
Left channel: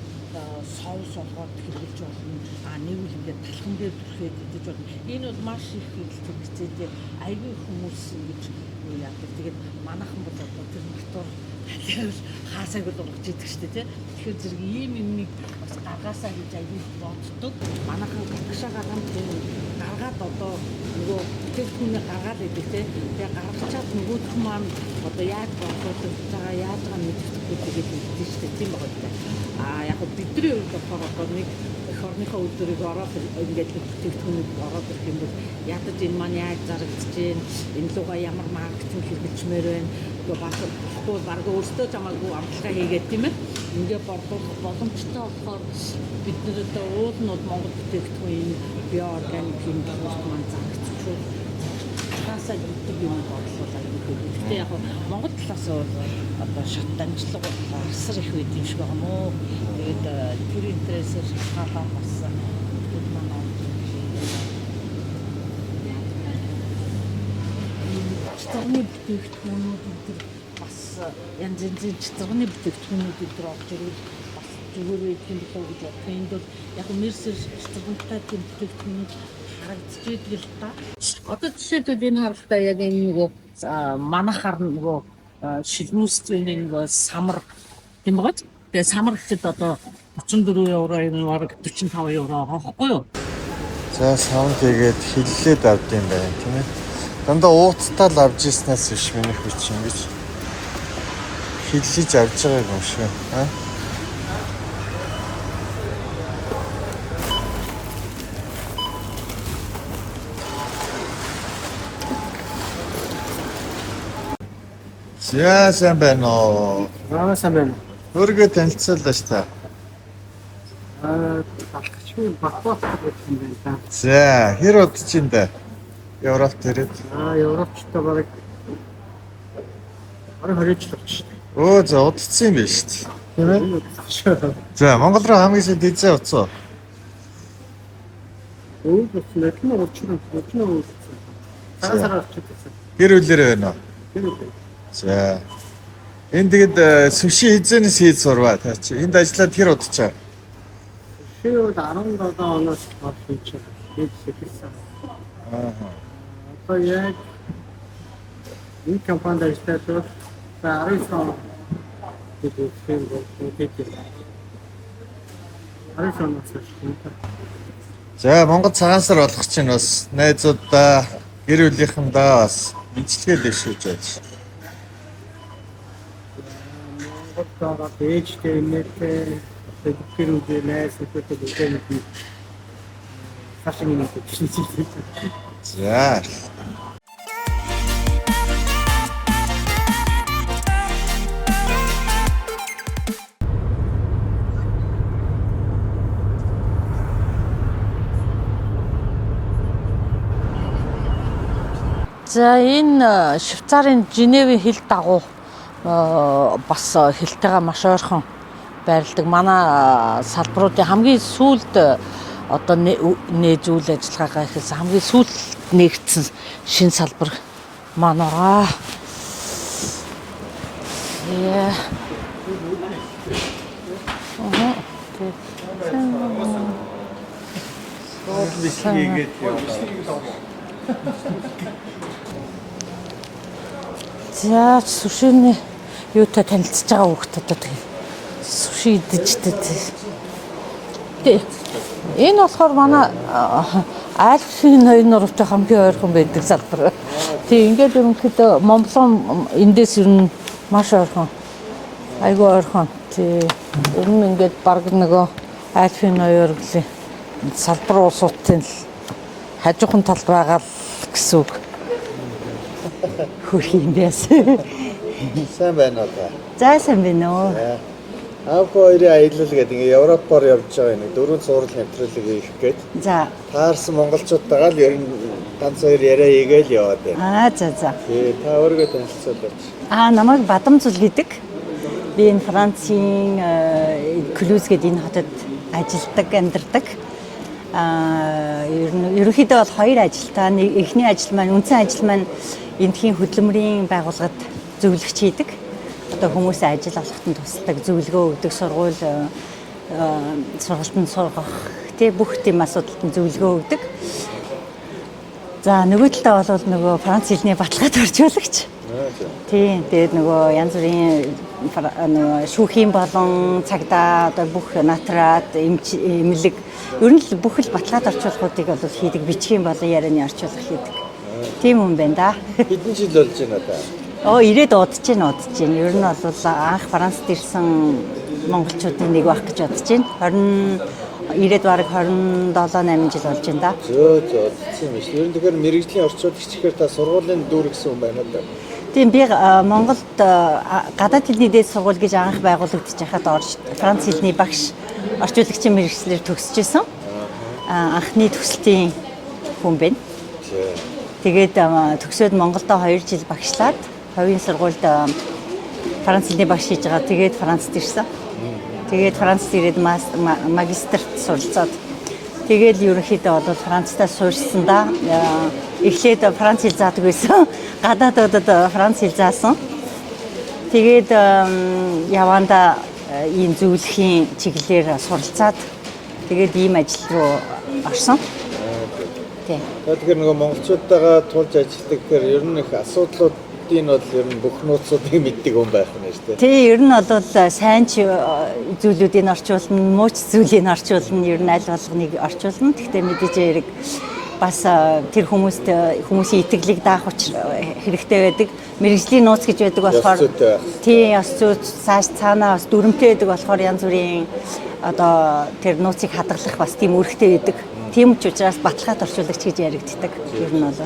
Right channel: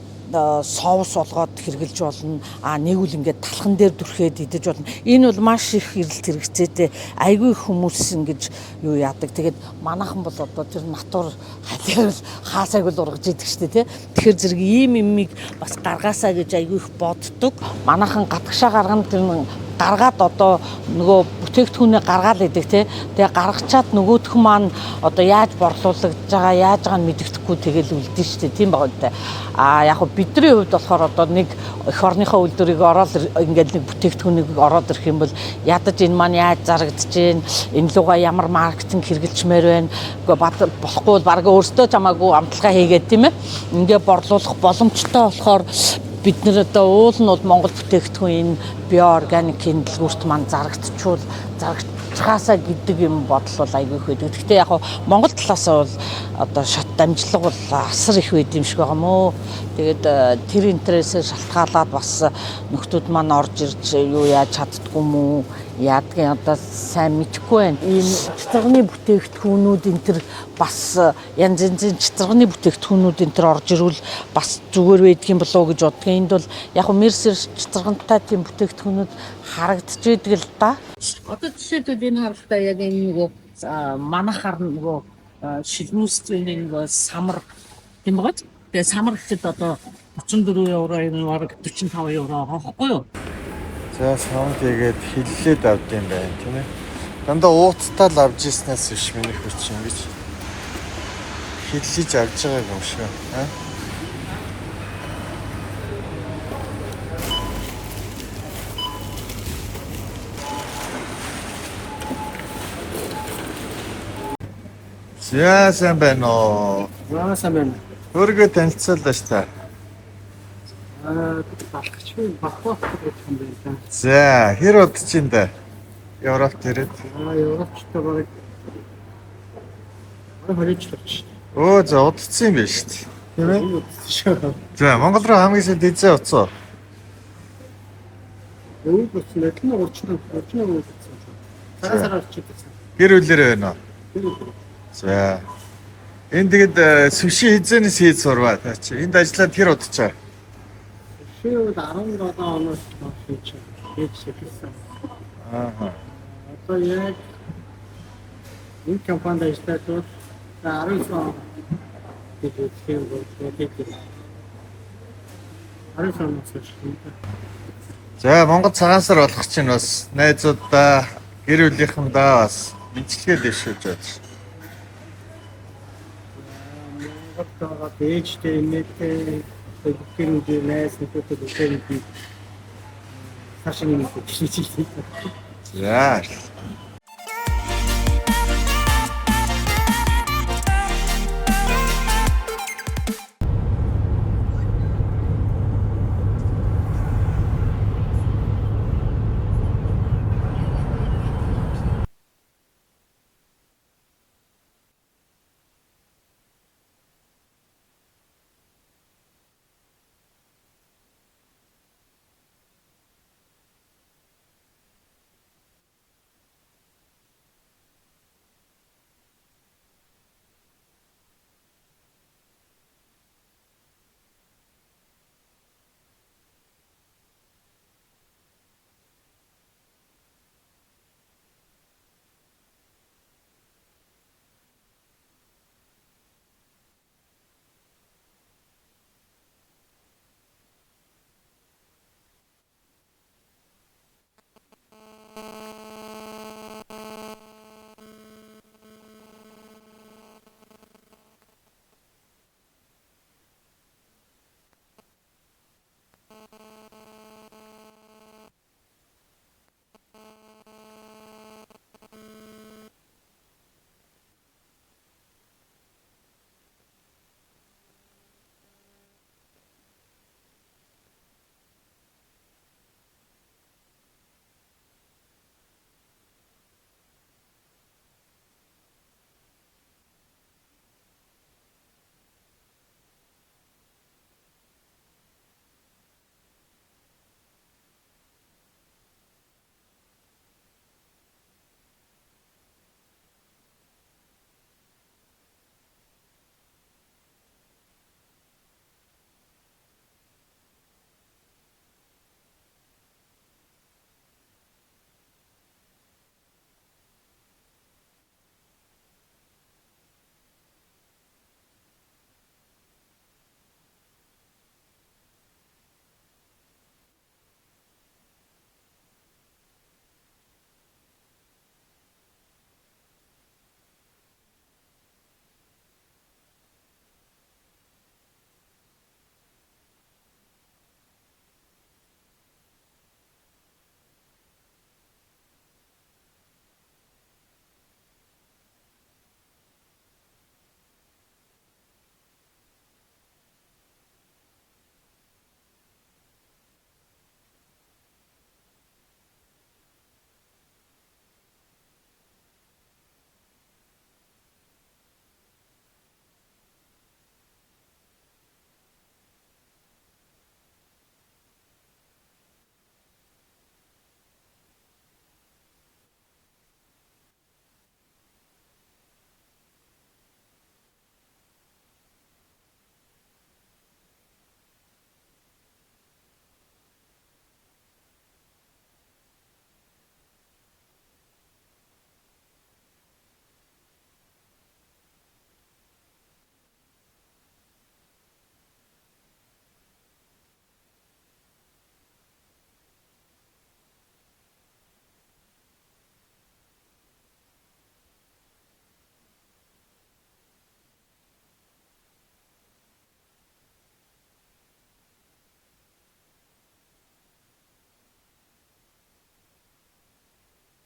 соус болгоод хэрглэж болно. Нэг үл ингээд талхан дээр дүрхээд идэж болно. Энэ бол маш их эрэлт хэрэгцээтэй. Айгүй хүмүүс ингэж юу яадаг. Тэгээд манайхан бол одоо тэр натур халиар хаасайг л ургаж идэг штэ тий. Тэгэхээр зэрэг ийм юмыг бас гаргаасаа гэж айгүй их боддог. Манайхан гадагшаа гаргана тэр гаргаад одоо нөгөө бүтээгдэхүүнээ гаргаад идэг тий. Тэгээ гаргачаад нөгөөх маань одоо яаж борлуулагдж байгаа, яаж байгааг нь мэддэхгүй тэгэл үлдэн штэ. Тийм байгаа дээ. Яг бидний хувьд болохоор одоо нэг эх орныхоо үйлдвэрийг ороод ингээд нэг бүтээгдэхүүнийг ороод ирэх юм бол ядаж энэ маань яаж зарагдаж гин энэ луга ямар маркетинг хэрэгжилмээр байна. Гэхдээ болохгүй бол баг өөртөө чамаагүй амталгаа хийгээд тийм ээ. Ингээд борлуулах боломжтой болохоор бид нэр одоо уул нь бол Монгол бүтээгдэхүүн энэ биоорганикийн дэлгүүрт маань зарагдчихвал зарагдчихаасаа гэдэг юм бодол бол айгүй их байдаг. Гэхдээ яг Монгол талаасаа бол одоо шат дамжлага бол асар их байд юм шиг байгаа мó. Тэгээд тэр интересээ шалтгаалаад бас нөхдүүд маань орж ирж юу яаж чаддгүй юм уу? Яадгийн одоо сайн мэдэхгүй байна. Ийм цэцэргний бүтээгдэхүүнүүд энэ төр бас янз янзын цэцэргний бүтээгдэхүүнүүд энэ төр орж ирвэл бас зүгээр байдаг юм болоо гэж боддог. Энд бол яг мерсер цэцэргантай тийм бүтээгдэхүүнүүд харагдчихэдэг л да. Одоо жишээлбэл энэ харалтаа яг энэ нөгөө манайхаар нөгөө шилнүүстрийн нэг самар тийм байгаа. Тэгээ самар гэхэд одоо 34 евро энэ баг 45 евро авахгүй юу? За саунд тэгээд хиллээд авд юм байна тийм ээ. Дандаа ууцтаа л авж ирснээс биш минийх хүч ингэж хиллэж авж байгаа юм шиг аа. За сайн байна уу? Сайн байна. Өөргөө танилцууллаа ш та. Балхачгүй Бакбат гэж юм байна. За хэр удаж чинь да? Европт ирээд. Европчтой бараг 20 жил болж байна. Оо за удацсан юм байна шүү дээ. Тийм ээ. За Монгол руу хамгийн сайн дизээ уцаа. Өө болсон л нь урчнаа уулзсан. Сарасаар орчихсон. Гэр бүлэрээ байна уу? Гэр бүл. За. Энд тэгэд сүши хизэнээс хийж сурваа та чи. Энд ажиллаад хэр удачаа? Шил 17 оноос хойш хийж эхэлсэн. Одоо яг энэ компанид ажиллаж бол 19 он хийх бол хийх. 19 оноос хойш. За Монгол цагаан сар болох чинь бас найзуудаа гэр бүлийнхэндээ бас бичлэгээ дэвшүүлж байна. Монгол дэжтэй нэтээ гэр бүлийн найз нөхөдтэй бүхэн фашин хийж байна. За. За энэ Швейцарын Женевийн хил дагуу бас хэлтэйгээ маш ойрхон байрладаг. Манай салбаруудын хамгийн сүүлд одоо нээж үйл ажиллагаагаа ихэлсэн хамгийн сүүлд нэгдсэн шинэ салбар маань байгаа. Яа. За сушины юутай танилцж байгаа хүүхдүүдэд суши идэж дээ. Энэ болохоор манай Альфийн ноён нуруутай хамгийн ойрхон байдаг салбар. Тэг ингээд ерөнхийдөө Монголын эндээс ер нь маш ойрхон. Айгүй ойрхон. Тэг ер нь ингээд баг нөгөө Альфийн ноён урлагийн салбар уусуудын хажуухан тал байгаа л гэсэн үг. Хөрх юм байсан. Сайн байна уу та? За сайн байна уу. Аав хоёрын аялал гэдэг ингээ Европоор явж байгаа нэг дөрвөн цуврал нэвтрүүлэг хийх гээд. За. Таарсан монголчуудтайгаа л ер нь ганц хоёр яриа хийгээл яваад байна. За. Тий, та өөрийгөө танилцуулаач. Намайг Бадамзул гэдэг. Би энэ Францын Клүз гэдэг энэ хотод ажилладаг, амьдардаг. Ерөнхийдөө бол хоёр ажилтаа. Эхний ажил маань, үндсэн ажил маань эндхийн хөдөлмөрийн байгууллагад зөвлөгч хийдэг. Одоо хүмүүсийн ажил олгоход тусалдаг, зөвлөгөө өгдөг, сургалтанд сургах, тий бүх тийм асуудалд зөвлөгөө өгдөг. За нөгөө талдаа бол нөгөө Франц хэлний баталгаат орчуулагч. Тий, тэгээд нөгөө янз бүрийн нөгөө шүүхийн болон цагдаа одоо бүх натраад эмнэлэг ер нь л бүх л баталгаат орчуулгуудыг бол хийдэг, бичгийн болон ярианы орчуулга хийдэг. Тийм юм байна да. Хэдэн жил болж байна та? Ирээд удаж байна. Ер нь бол анх Францд ирсэн монголчуудын нэг байх гэж бодож байна. Ирээд бараг 27-8 жил болж байна да. Зөө тийм биш. Ер нь тэгэхээр мэрэгжлийн орчуулагч гэхээр та сургуулийн дүр гэсэн юм байна да. Тийм би Монголд гадаад хэлний дээд сургууль гэж анх байгуулагдаж байхад Франц хэлний багш орчуулагчийн мэргэжлэр төгсөж исэн. Анхны төсөлтийн хүн байна. Тэгээд төгсөөд Монголдо 2 жил багшлаад хувийн сургуульд Франц хэлний багш хийж байгаа. Тэгээд Францд ирсэн. Тэгээд Францд ирээд магистрт суралцаад тэгээд ерөнхийдөө бол Францтай суурьсандаа эхлээд Франц хэл заадаг байсан. Гадаадуудад Франц хэл заасан. Тэгээд яванда ийм зөвлөхийн чиглэлээр суралцаад тэгээд ийм ажил руу орсон. Тийм. Тэгэхээр нөгөө монголчуудтайгаа тулж ажилладаг гэхээр ер нь их асуудлуудын бол ер нь бүх нууцуудыг мэддэг хүн байх нь шүү дээ. Тий, ер нь бол сайн ч зүйлүүдийг орчуулна, муу ч зүйлийг орчуулна, ер нь аль болгоныг орчуулна. Гэхдээ мэдээж хэрэг бас тэр хүмүүсийн итгэлийг даах хэрэгтэй байдаг. Мэргэжлийн нууц гэж байдаг болохоор тий, бас цааш цаанаа бас дүрмтэй байдаг болохоор янз бүрийн одоо тэр нууцыг хадгалах бас тийм үүрэгтэй байдаг. Тийм ч учраас баталгаат орчуулагч гэж яригддаг. Ер нь бол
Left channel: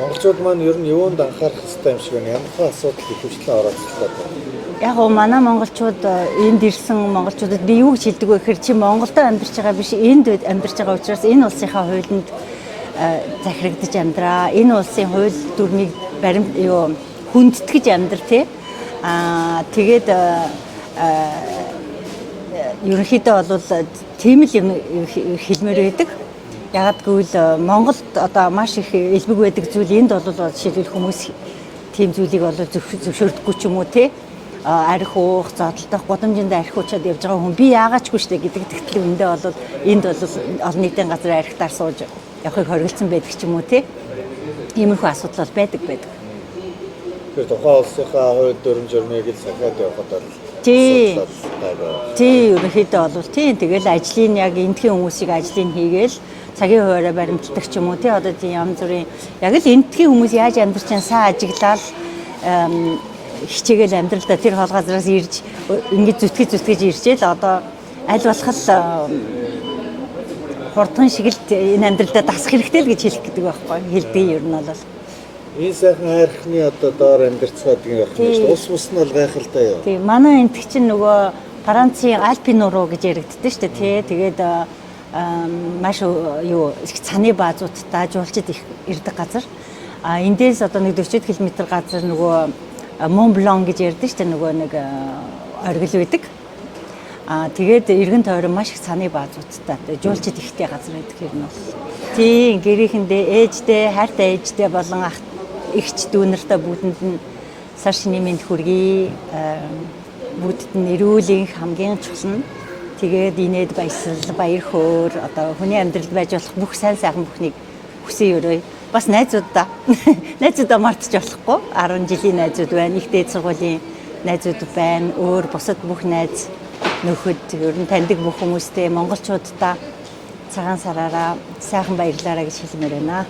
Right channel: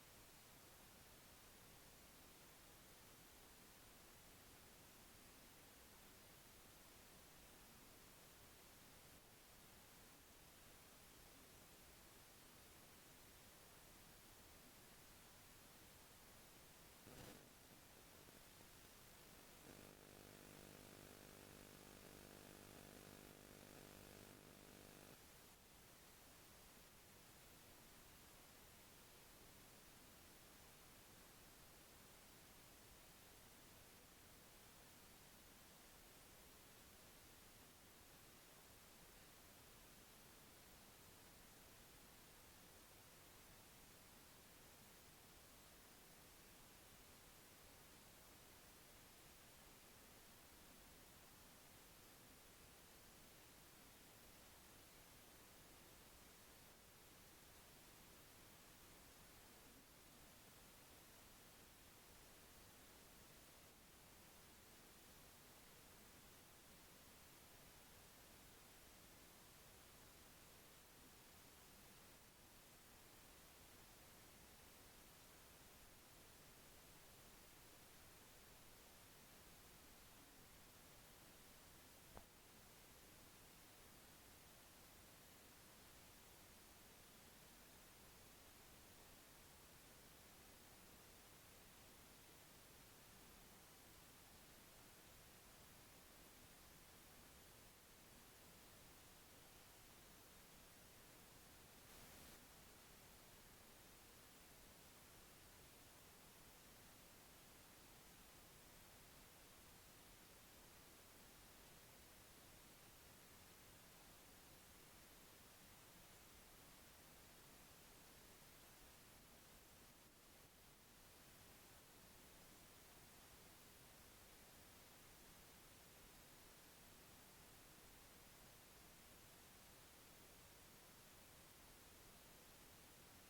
монголчууд маань ер нь юунд анхаарах хэрэгтэй юм шиг байна. Ямар асуудал ихэвчлэн оролцдог байна. Яг гоо манай монголчууд энд ирсэн монголчуудад би юу гэж хэлдэг вэ гэхээр чи Монголдо амьдарч байгаа биш энд амьдарч байгаа учраас энэ улсынхаа хуулинд захирагдаж амьдраа. Энэ улсын хууль дүрмийг хүндэтгэж амьдр тий. Тэгээд ерөнхийдөө бол тийм л юм хэлмээр байдаг. Яг гэвэл Монголд одоо маш их элбэг байдаг зүйл энд бол жишээлбэл хүмүүс тийм зүйлийг бол зөвшөөрдөггүй ч юм уу тий. Арх уух, зодтолдох, гудамжинд арх уучаад явж байгаа хүн би яагаачгүй штэ гэдэг тэгтэл үндэ бол энд бол олон нийтийн газар архитаар сууж явахыг хориглосон байдаг ч юм уу тий. Иймэрхүү асуудал бол байдаг. Тэр тухайн улсынхаа хууль дүрм журмыг л сахиад явахад бол тий, ерөнхийдөө бол тий. Тэгэл ажлын яг эндхийн хүмүүсийг ажлыг хийгээл цагийн хуваараа баримталдаг ч юм уу тий. Одоо тийм янз бүрийн яг л эндхийн хүмүүс яаж амьдарч байгаа сайн ажиглал хичээгээл амьдралдаа тэр хол газраас ирж ингэж зүтгэж иржээл одоо аль болох хурдхан шиг л энэ амьдралдаа дасах хэрэгтэй л гэж хэлэх гэдэг байхгүй. Хэлдэг ер нь бол энэ сайхан хайрхны одоо доор амьдарцгаад байгаа юм шүү. Ус мус нь бол гайхалтай юу. Тийм манай энд чинь нөгөө Францын Альпийн нуруу гэж яригддаг шүү дээ тий. Тэгээд маш цаны баазуудтай жуулчид их ирдэг газар. Эндээс одоо нэг 40 км газар нөгөө Мон Блан гэж ярьдэн шүү дээ нөгөө нэг оргил байдаг. Тэгээд эргэн тойрон маш их цаны баазуудтай. Жуулчид ихтэй газар байдаг юм бол. Тийм гэрийнхэндээ ээжтэй, хайртай ээжтэй болон эгч дүүнэртэй бүгдэнд нь сар шинийн мэнд хүргэе. Бүгдэд нь эрүүлийн хамгийн чухал нь тэгээд инээд баясал, баяр хөөр одоо хүний амьдралд байж болох бүх сайн сайхан бүхнийг хүсэн өрөө. Бас найзуудаа найзуудаа мартаж болохгүй. 10 жилийн найзууд байна. Их дээд сургуулийн найзууд байна. Өөр бусад бүх найз нөхөд ер нь таньдаг бүх хүмүүстэй монголчуудаа цагаан сараараа сайхан баярлаарай гэж хэлмээр байна.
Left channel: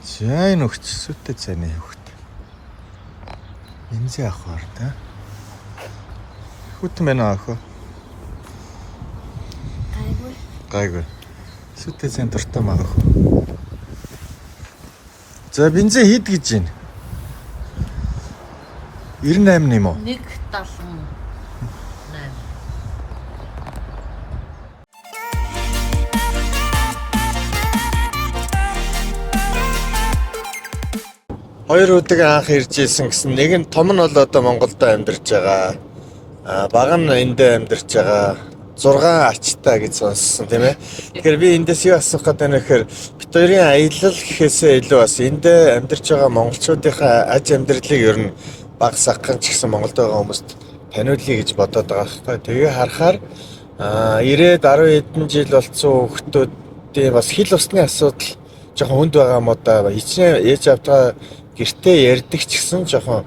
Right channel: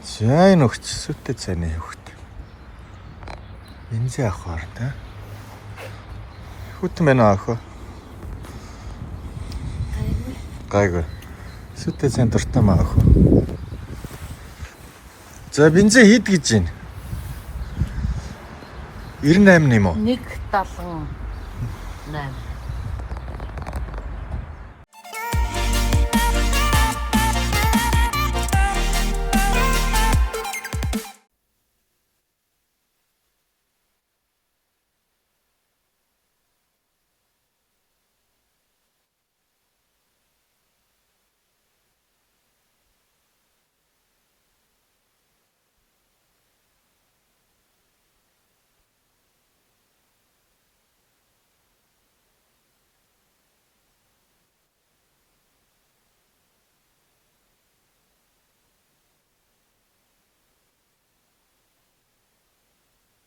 За энэ өгч сүттэй цайны хөвгт. Энзээ авахар та. Хүтэн байна аах. Гайгүй. Сүттэй цайн дуртай маа аах. За бензин хэд гэж байна? 98 юм уу? 1.78. Хоёр өдөг анх ирж ирсэн гэсэн нэг нь том нь бол одоо Монголд амьдарч байгаа. Бага нь эндээ амьдарч байгаа. 6 ачтай гэж сонссон тийм ээ. Тэгэхээр би эндээс юу асуух гэдэг нь гэхээр бид хоёрын аялал гэхээсээ илүү бас эндээ амьдарч байгаа монголчуудынхаа аж амьдралыг ер нь бага саххан ч гэсэн Монголд байгаа хүмүүст таниулъя гэж бодоод байгаа байхгүй. Тэгээ харахаар 90-10 хэдэн жил болцсон хүүхдүүдийн бас хил усны асуудал жоохон хүнд байгаа юм уу да. Хичнээн ээж автаа гэртээ ярьдаг ч гэсэн жоохон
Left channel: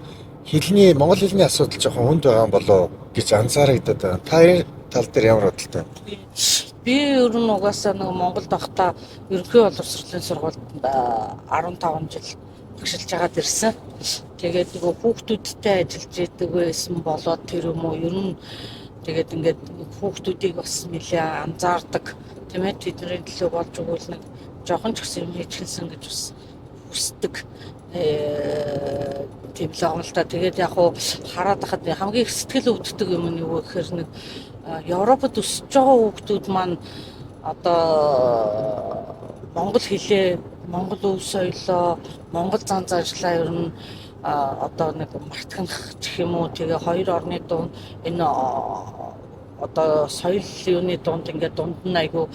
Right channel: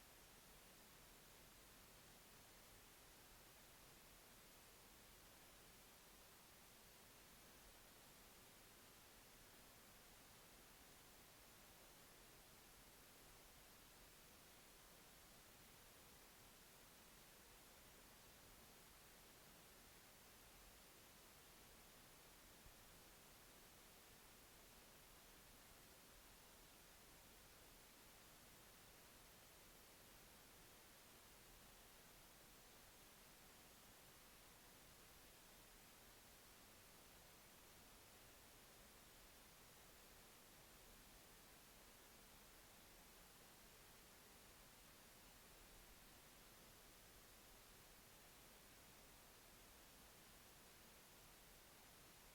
монгол хэлний асуудал жоохон хүнд байгаа юм болоо гэж анзаарагдаад байна. Та энэ тал дээр ямар бодолтой вэ? Би ер нь угаасаа нэг Монголд байхдаа ерөнхий боловсролын сургуульд 15 жил багшилж агаад ирсэн. Тэгээд нөгөө хүүхдүүдтэй ажиллаж идэг байсан болоод тэр юм уу ер нь тэгээд ингээд хүүхдүүдийг бас нэлээ анзаардаг тийм ээ, тэдний төлөө болж өгвөл нэг жоохон ч гэсэн юм хийчихсэн гэж бас хүсдэг. Тийм л байгаа л та. Тэгээд яг хуу хараад хахад хамгийн их сэтгэл өвддөг юм нь юу гэхээр нэг Европод өсөж байгаа хүүхдүүд маань одоо монгол хэлээ, монгол өв соёлоо, монгол зан заншлаа ер нь одоо нэг мартах гэх юм уу. Тэгээ хоёр орны дунд энэ одоо соёл юуны дунд ингээд дунд нь айгүй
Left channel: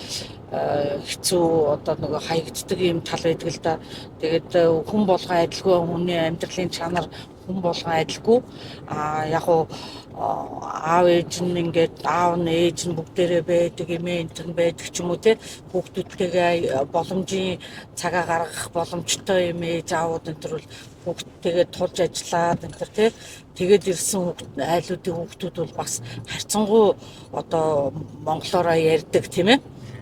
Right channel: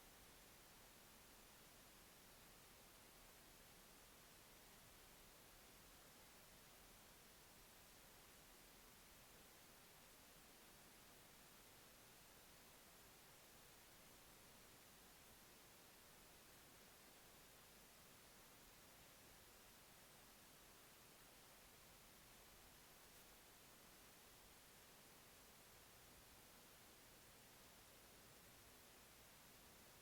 хэцүү одоо нөгөө хаягддаг юм тал байдаг л да. Тэгээд хүн болгон адилгүй, хүний амьдралын чанар хүн болгон адилгүй. Яг уу аав ээж нь ингээд аав нь ээж нь бүгдээрээ байдаг, эмээ энтэн байдаг ч юм уу те. Хүүхдүүдтэйгээ боломжийн цагаа гаргах боломжтой юм ээж аавууд энэ бол хүүхдтэйгээ тулж ажиллаад энэ те. Тэгээд ирсэн айлуудын хүүхдүүд бол бас харьцангуй одоо монголоороо ярьдаг тийм ээ.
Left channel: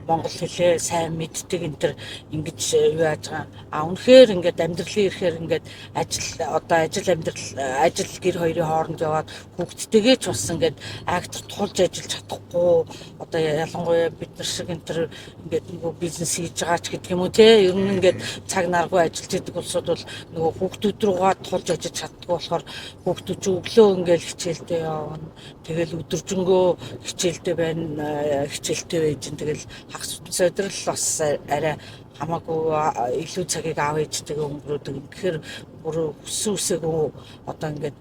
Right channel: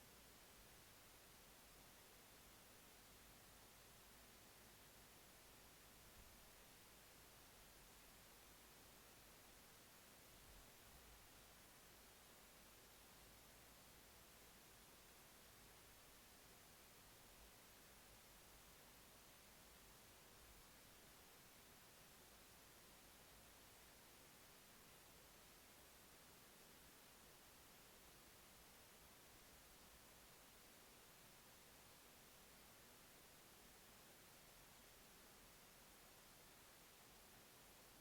Монгол хэлээ сайн мэддэг энэ төр ингэж юу яаж байгаа. Үнэхээр ингээд амьдралын ирэхээр ингээд ажил амьдрал гэр хоёрын хооронд яваад хүүхдтэйгээ ч бас ингээд актер тулж ажиллаж чадахгүй. Одоо ялангуяа бид нар шиг энэ төр ингээд нөгөө бизнес хийж байгаа ч гэдэг юм уу те. Ер нь ингээд цаг наргүй ажиллаж идэг улсууд бол нөгөө хүүхдүүд руугаа тулж ажиллаж чаддгүй болохоор хүүхдүүд ч өглөө ингээд хичээлдээ явна. Тэгэл өдөржингөө хичээлдээ байна, хичээлдээ байж ин тэгэл хагас өдрөл бас арай хамаагүй илүү цагийг аав ээжтэйгээ өнгөрөөдөг. Тэгэхээр бүр хүсээгүй одоо ингээд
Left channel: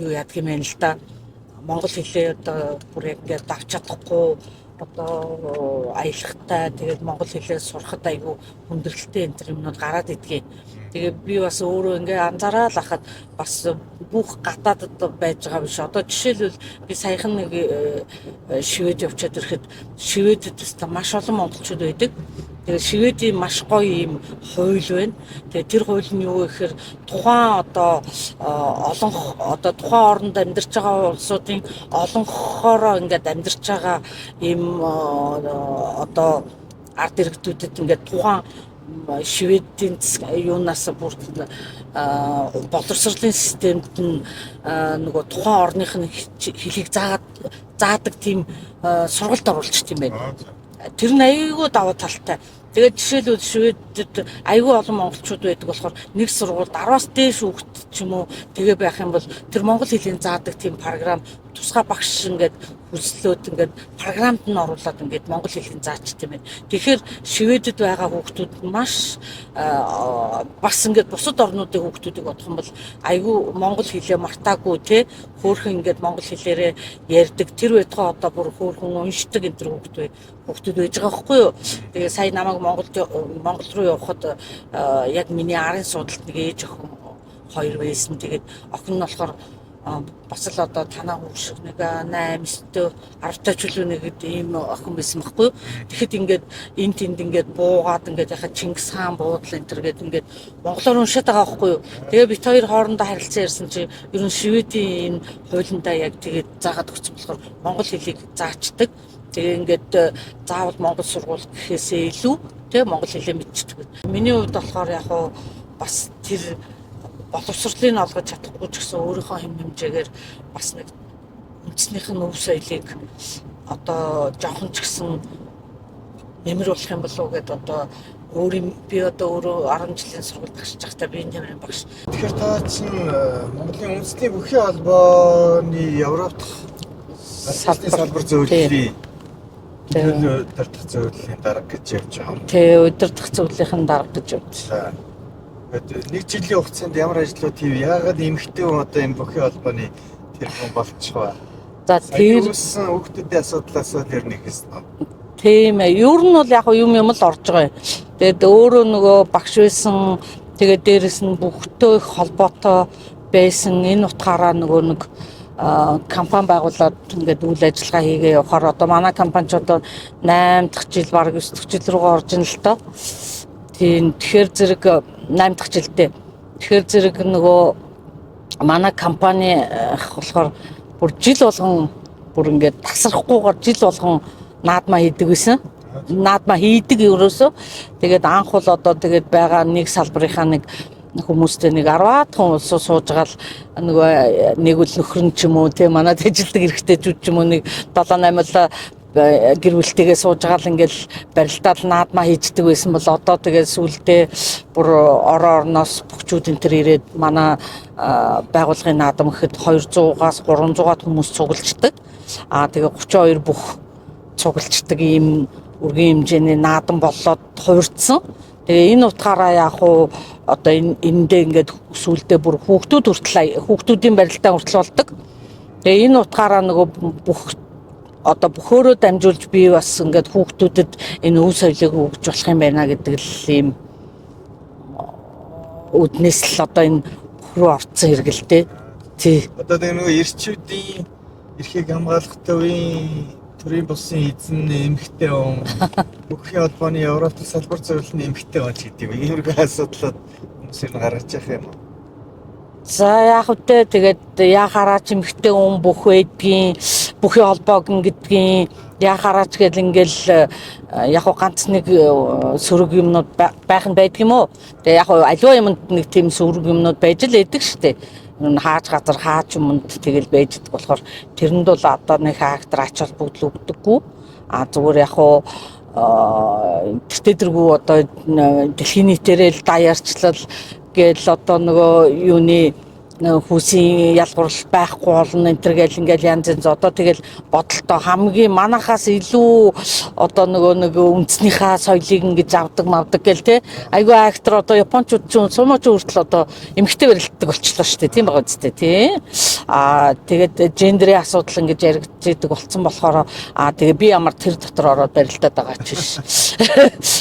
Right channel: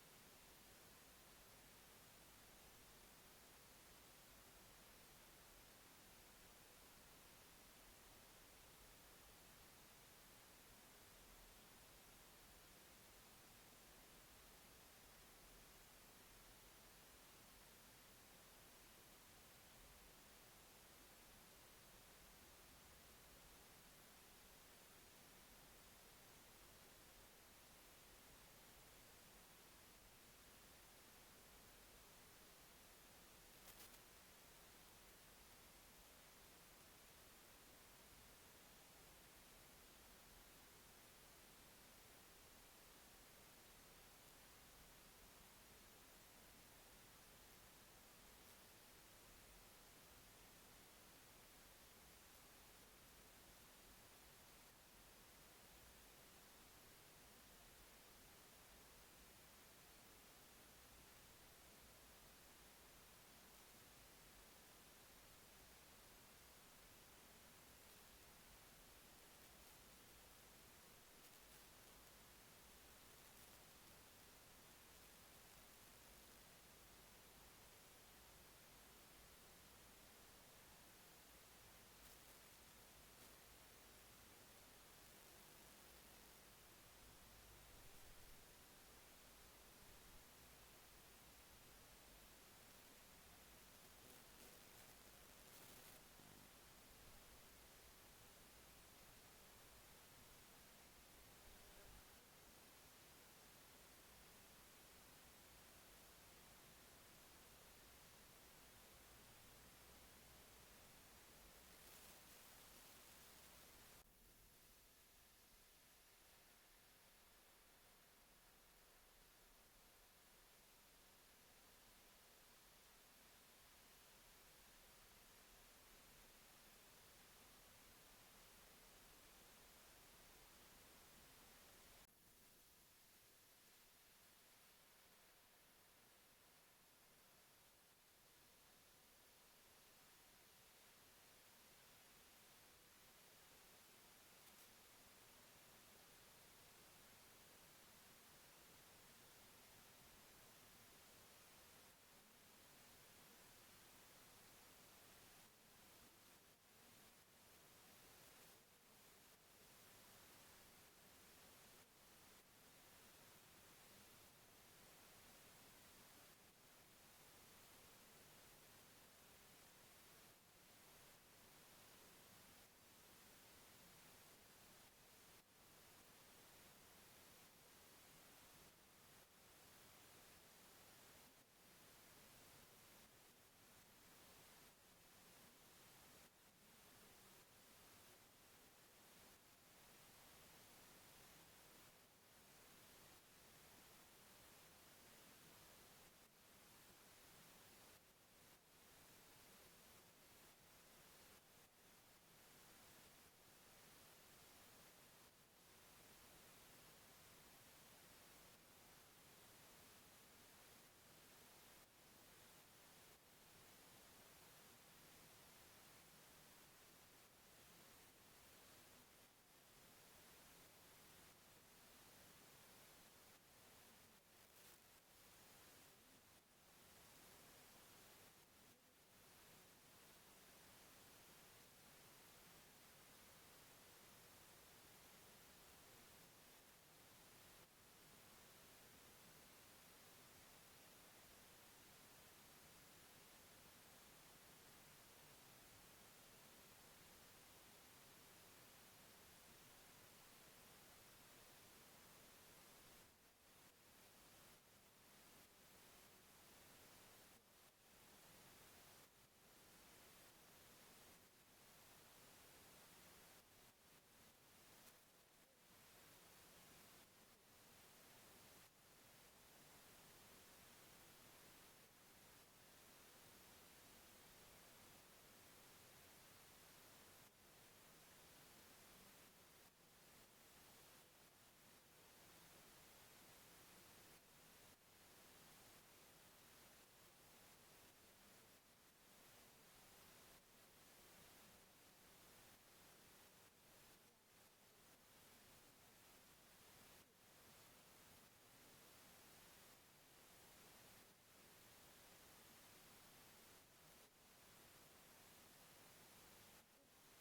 юу яадаг юм байна л да. Монгол хэлээ одоо бүр яг ингээд давч чадахгүй одоо аялахтай тэгээд монгол хэлээ сурахад айгүй хүндрэлтэй энэ төр юмнууд гараад идэгэн. Тэгээ би бас өөрөө ингээ анзаараад ахад бас бүх гадаадд байж байгаа биш. Одоо жишээлбэл би саяхан нэг Швед явчаад ирэхэд Шведэд маш олон монголчууд байдаг. Тэгээ Шведийн маш гоё юм хууль байна. Тэгээ тэр хууль нь юу гэхээр тухайн одоо тухайн орнд амьдарч байгаа улсуудын олонхороо ингээд амьдарч байгаа ийм одоо ард иргэдүүдэд ингээд тухайн Шведийн юунаас бүрдэн боловсролын системд нь нөгөө тухайн орных нь хэлийг заадаг тийм сургалт оруулчихсан юм байна. Тэр нь айгүй давуу талтай. Тэгээд жишээлбэл Шведэд аюул олон монголчууд байдаг болохоор нэг сургуульд 10-аас дээш хүүхэд ч юм уу тэгээ байх юм бол тэр монгол хэлийг заадаг тийм програм тусгай багш ингээд хүслөөд ингээд програмд нь оруулаад ингээд монгол хэлийг заачт юм байна. Тэгэхээр Шведэд байгаа хүүхдүүд маш бас ингээд бусад орнуудын хүүхдүүдийг бодох юм бол аюул монгол хэлээ мартаагүй те хөөрхөн ингээд монгол хэлээрээ ярьдаг тэр байтугай одоо бүр хөөрхөн уншдаг энэ төр хүүхдүүд байж байгаа байхгүй юу. Тэгээ сая намайг Монгол руу явахад яг миний арын судалт нэг ээж охин 2 байсан. Тэгээд охин нь болохоор бас л одоо танаа хүүш шиг нэг 8-9 10 ч үлээ нэг ийм охин байсан байхгүй юу. Тэгэхэд ингээд энэ тэнд ингээд буугаад ингээд яхаа Чингис хаан буудлаа энэ төр гээд ингээд монголоор уншаад байгаа байхгүй юу. Тэгээ бит хоёр хоорондоо харилцан ярьсан чи ер нь Шведийн энэ хуулиндаа яг тэгээд заагаад өгсөн болохоор монгол хэлийг заачдаг. Тэгээ ингээд заавал монгол сургууль гэхээсээ илүү тэг монгол хэлээ мэдчихдэг. Миний хувьд болохоор яг хуу бас тэр боловсролыг олгож чадахгүй ч гэсэн өөрийнхөө хэм хэмжээгээр бас нэг үндэснийх нь өв соёлыг одоо жоохон ч гэсэн нэмэр болох юм болов уу гэдээ одоо би одоо өөрөө 10 жилийн сургуульд багшиж байхдаа би нэмэр багш. Тэгэхээр та чинь Монголын үндэсний бүхий холбооны Европт салбар зөвлөлийн удирдах зөвлөлийн дарга гэж явж байгаа. Тэ удирдах зөвлөлийн дарга гэж явж. Нэг жилийн хугацаанд ямар ажлууд хийв? Яагаад эмэгтэй хүн одоо энэ бүхий холбооны тэр хүн болчих вэ? За тэр хүүхдүүдийн асуудлаас л ер нь ихсэн. Тийм ээ. Ер нь бол яг юм л орж байгаа юм. Тэгээд өөрөө нөгөө багш байсан. Тэгээд дээрэс нь бүхтэй их холбоотой байсан. Энэ утгаараа нөгөө нэг компани байгуулад ингээд үйл ажиллагаа хийгээ явахаар одоо манай компани ч одоо 8 дахь жил баг 9 дахь жил рүүгээ орж ин л тоо. Тийм тэгэхээр зэрэг 8 дахь жилдээ. Тэгэхээр зэрэг нөгөө манай компани болохоор бүр жил болгон бүр ингээд тасрахгүйгээр жил болгон наадмаа хийдэг байсан. Наадмаа хийдэг ерөөсөө. Тэгээд анх бол одоо тэгээд байгаа нэг салбарынхаа нэг хүмүүстэй нэг 10-аад хүн сууж байгаа л нөгөө нэг үл нөхөр нь ч юм уу тийм манад ажилдаг эрэгтэйчүүд ч юм уу нэг 7-8 гэр бүлтэйгээ сууж байгаа л ингээл барилдаад наадмаа хийждэг байсан бол одоо тэгээд сүулдэ бүр орноос бөхчүүд энэ төр ирээд манай байгууллагын наадам гэхэд 200-аас 300-аад хүмүүс цуглждаг. Тэгээ 32 бүх цуглждаг ийм үргийн хэмжээний наадам болоод хувирдсан. Тэгээ энэ утгаараа яг хуу одоо эндээ ингээд сүулдэ бүр хүүхдүүдийн барилдаа хүртэл болдог. Тэгээ энэ утгаараа нөгөө бөхөөрөө дамжуулж би бас ингээд хүүхдүүдэд энэ өв соёлыг өгж болох юм байна гэдэг л ийм үднэс л одоо энэ руу орцсон хэрэгэлтэй. Тий. Одоо нөгөө эрчүүдийн эрхийг хамгаалах төрийн бусын эзэн эмэгтэй хүн бүхий холбооны Европ салбар зөвлөлийн эмэгтэй хүн гэдэг юм. Иймэрхүү асуудлууд хүмүүсийг гаргаж явах юм уу? За яг үтэй тэгээд яхараач эмэгтэй хүн бүх байдгийн бүхий холбоог гэдгийн яхараач гэл ингээл яг ганц нэг сөрөг юмнууд байх нь байдаг юм уу? Тэгээ яг аливаа юмд нэг тийм сөрөг юмнууд байж л байдаг шүү дээ. Хааж газар хаач юмд тэгэл байждаг болохоор тэрэнд бол одоо нэг хаагтар ач холбогдол өгдөггүй. Зүгээр яг тэртэргүй одоо дэлхийн нийтээрээ л даяарчлал гээл одоо нөгөө юуны хүүсийн ялгуурл байхгүй болно энэ төр гэл ингээл янз янз одоо тэгэл бодолтой хамгийн манахаас илүү одоо нөгөө үндснийхээ соёлыг ингэж авдаг мавдаг гэл те айгүй актер одоо японочууд ч сумаач хүртэл одоо эмэгтэй барилддаг болчихлоо шүү дээ тийм байгаа үстэй тий тэгээд гендерийн асуудал ингэж яригддаг болсон болохоор тэгээ би ямар тэр дотор ороод барилдаад байгаа ч биш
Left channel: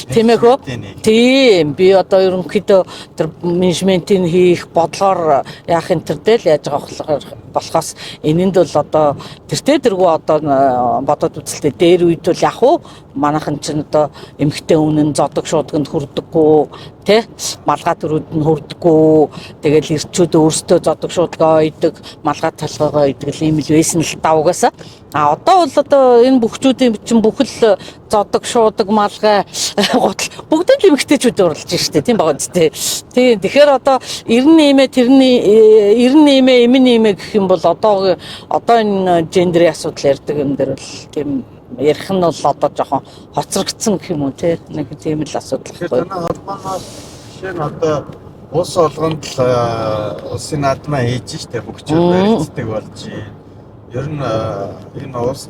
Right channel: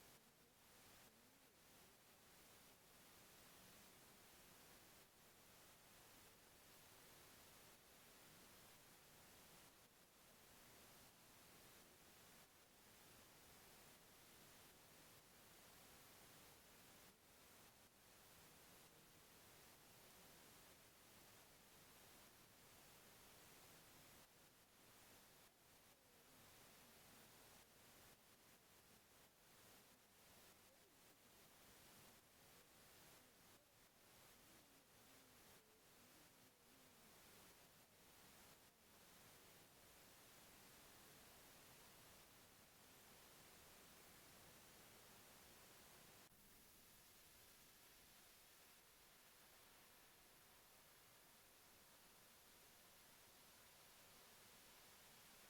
тийм ээ хөө тийм би одоо ерөнхийдөө тэр менежментийн хийх бодлогоор энэ төрдөл яаж байгаа болохоос энэнд бол одоо тэртээ дэргүү одоо бодоод үзэлтэй дээр үед бол яг уу манайхан чинь одоо эмэгтэй үнэн зодог шуудганд хүрдэггүй тий малгай төрүүд нь хүрдэггүй тэгэл эрчүүд өөрсдөө зодог шуудгаа ойдог малгай толгойгоо ойдог ийм л байсан л та угаасаа одоо бол одоо энэ бүхчүүдийн чинь бүхэл зодог шуудаг малгай гутал бүгд л эмэгтэйчүүд уралж штэ тийм байгаа үстэй тий тэгэхээр одоо 98 гэх юм бол одоо энэ гендерийн асуудал ярьдаг юм дээр бол тийм ярих нь бол одоо жоохон хоцрогдсон гэх юм уу тий нэг тийм л асуудал Тэгэхээр байхгүй. танай холбооноос жишээ нь одоо улс олгонд л улсын наадмаа хийж штэ бүгчүүд баригддаг болж байна. Ер нь энэ улс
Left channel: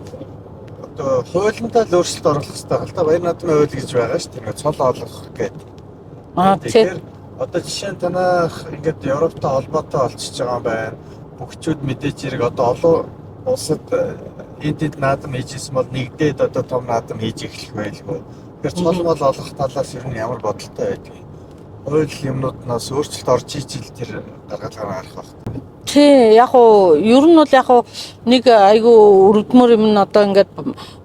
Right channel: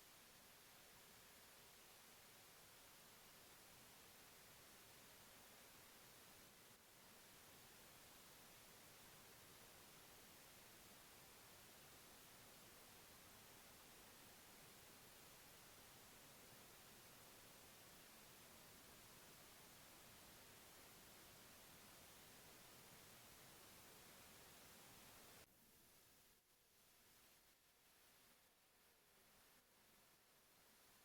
одоо хуулиндаа л өөрчлөлт оруулах хэрэгтэй байна л да. Баяр наадмын хууль гэж байгаа штэ. Ингээд цол олгох гэдэг. Тэгэхээр одоо жишээ нь танах ингээд Европтой холбоотой болчихж байгаа юм байна. Бүгчүүд мэдээж хэрэг одоо олон улсад энд наадам хийжсэн бол нэгдээд одоо том наадам хийж эхлэх байлгүй. Тэгэхээр цол мол олох талаас ер нь ямар бодолтой байдгийг. Хууль юмнууднаас өөрчлөлт орж ижил тэр гаргалгаа харах байна. Тий, яг уу ер нь бол яг уу нэг айгүй өргөдмөр юм нь одоо ингээд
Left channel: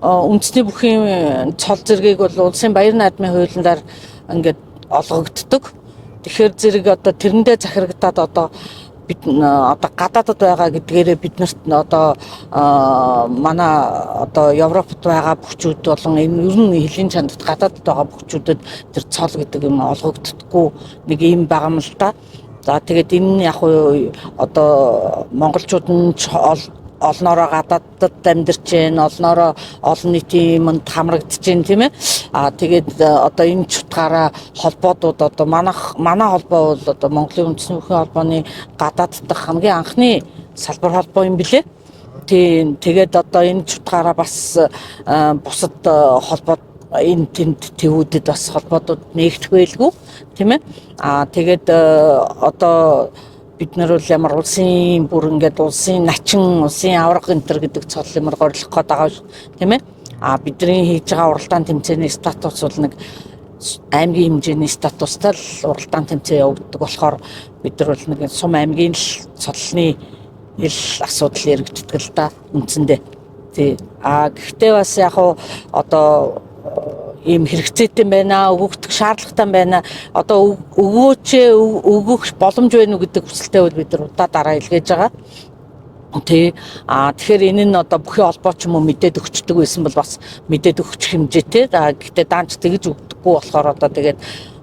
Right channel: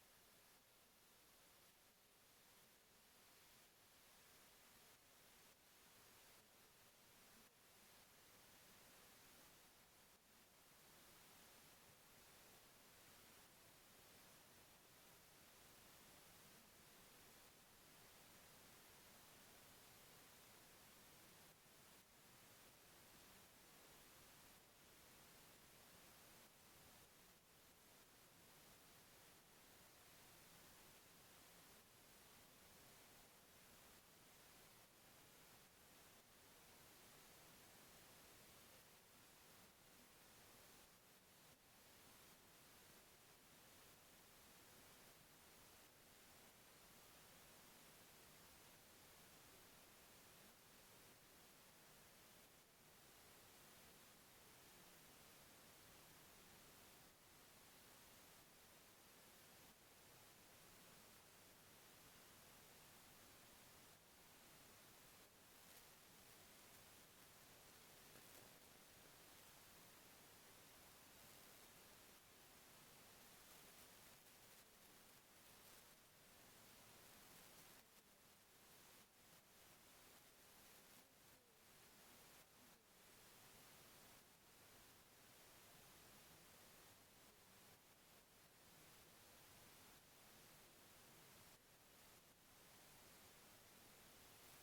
үндэсний бүхий цол зэргийг бол улсын баяр наадмын хуулиндаар ингээд олгогддог. Тэгэхээр зэрэг одоо тэрэндээ захирагдаад одоо бид одоо гадаадд байгаа гэдгээрээ биднэрт одоо манай одоо Европт байгаа бүхчүүд болон энэ ер нь хэлийн чандд гадаадд байгаа бүхчүүдэд тэр цол гэдэг юм олгогддоггүй нэг юм байгаа юм л да. За тэгээд энэ яг уу одоо монголчууд нь олноороо гадаадд амьдарч байна, олноороо олон нийтийн юмд хамрагдаж байна тийм ээ. Тэгээд одоо энэ чутгаараа холбоодууд одоо манай холбоо бол одоо Монголын үндэсний бүхий холбооны гадаад дахь хамгийн анхны салбар холбоо юм билээ. Тийм тэгээд одоо энэ чутгаараа бас бусад холбоод энэ тэнд тэвүүдэд бас холбоодууд нээгдэх байлгүй тийм ээ. Тэгээд одоо бид нар бол ямар улсын бүр ингээд улсын начин, улсын авраг энтер гэдэг цол юмар горилох гээд байгаа тийм ээ. Бидний хийж байгаа уралдаан тэмцээний статус бол нэг аймгийн хэмжээний статустай л уралдаан тэмцээн явагддаг болохоор бид нар бол нэг сум аймгийн л цолны ил асуудал яригддаг л да үндсэндээ. Тий. Гэхдээ бас яг одоо ийм хэрэгцээтэй байна, өгөгдөх шаардлагатай байна. Одоо өгөх боломж байна уу гэдэг хүсэлтэй бол бид нар удаа дараа илгээж байгаа. Тэгэхээр энэ нь одоо бүхий холбооч юм уу мэдээд өгчдөг байсан бол бас мэдээд өгчих хэмжээтэй. Гэхдээ даанч тэгж өгдөггүй болохоор одоо тэгээд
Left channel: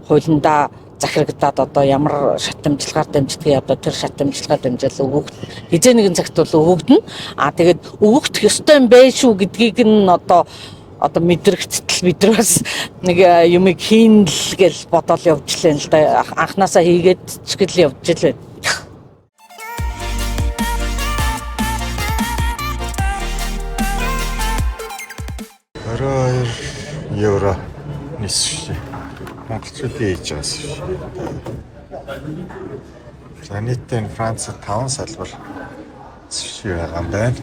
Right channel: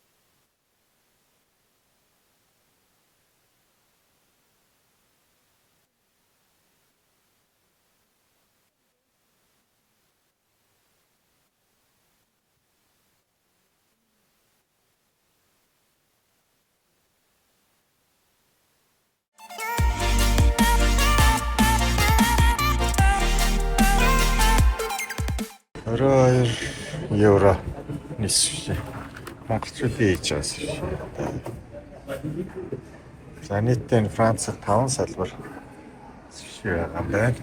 хуулиндаа захирагдаад одоо ямар шат амжилгаар дамждгийг одоо тэр шат амжилгаар дамжаал өгөх хизээ нэгэн цагт бол өгөгдөн. Тэгээд өгөх ёстой юм байх шүү гэдгийг нь одоо мэдрэгдтэл бид нар бас нэг юмыг хийн л гэж бодоод явж лээ л да. Анханасаа хийгээд ч гэл явж лээ. 22 евро нисвшээ. Монголчуудын хийж байгаас биш. За нийтдээ Францад 5 салбар нисвшээ байгаа юм байна.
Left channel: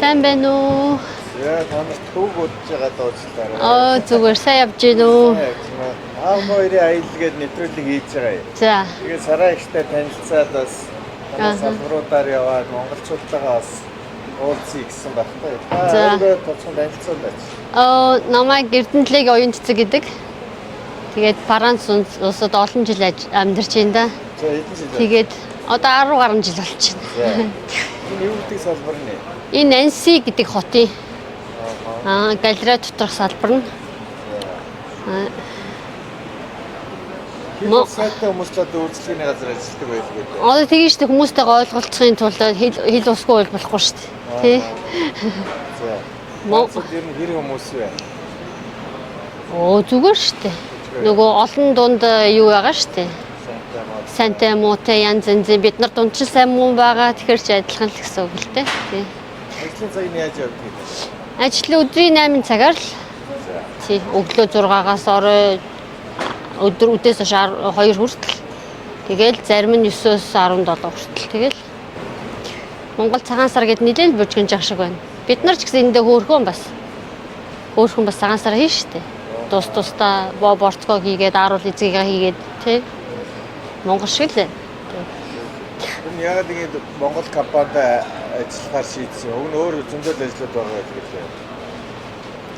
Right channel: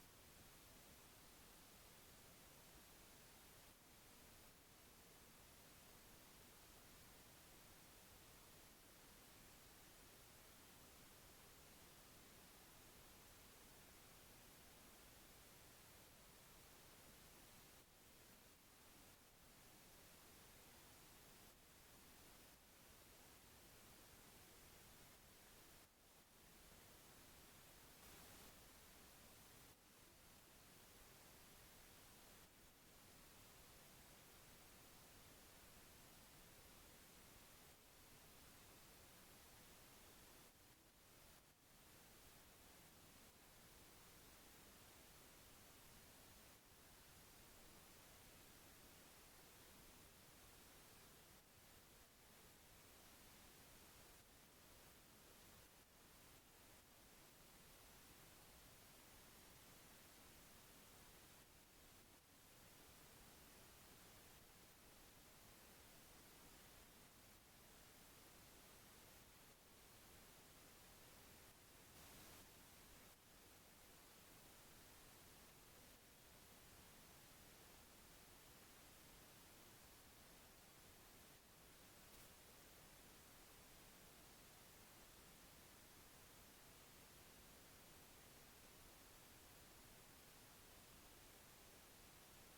Сайн байна уу? Яа, танаас төв бодож байгаа доочлаарай. Зүгээр сайн явж гин үү? Хоёрын аялалгээд нэвтрүүлэг хийж байгаа юм. За. Тэгээд сараа ихтэй танилцаад бас салбаруудаар яваад монголчуудтайгаа бас уулзъя гэсэн багтаа. Өөрөө тоцхон танилцсан байж. Намайг Эрдэнэтлэг оюун цэцэг гэдэг. Тэгээд Франц улсад олон жил амьдарч байна да. За хэдэн жил? Тэгээд одоо 10 гаруй жил болчихно. Энэ юу гэдэг салбар нэ? Энэ Нанси гэдэг хотын галерей доторх салбар нь. Сайтай хүмүүстэй үйлчлэгийн газар ажилладаг байлгүй дээ. Одоо тэгэж штэ хүмүүстэйгээ ойлголцохын тулд хэл усгүй бол болохгүй штэ. Тий. За. Тэр нь хэр хүмүүс вэ? Зүгээр штэ. Нөгөө олон дунд юу байгаа штэ. Сантай муутай янз янзын бид нар дунд ч сайн муу байгаа тэгэхээр ч адилхан л гэсэн үг л дээ. Тий. Ажлын цаг нь яаж явдаг вэ? Ажил өдрийн 8 цагаар л. Тий. Өглөө 6-аас орой өдөр үдээс хойш 2 хүртэл. Тэгэл зарим нь 9-өөс 17 хүртэл. Тэгэл Монгол цагаан сар гэд нэлээд бүжгэнж ах шиг байна. Бид нар ч гэсэн эндээ хөөрхөн бас цагаан сар хийн штэ. Тус-тусдаа борцгоо хийгээд ааруул эзгийгээ хийгээд тий. Монгол шиг л. Энэ яг тэгээд Монгол компанид ажиллахаар шийдсэн. Уг нь өөр зөндөл ажлууд байгаа гэдэг.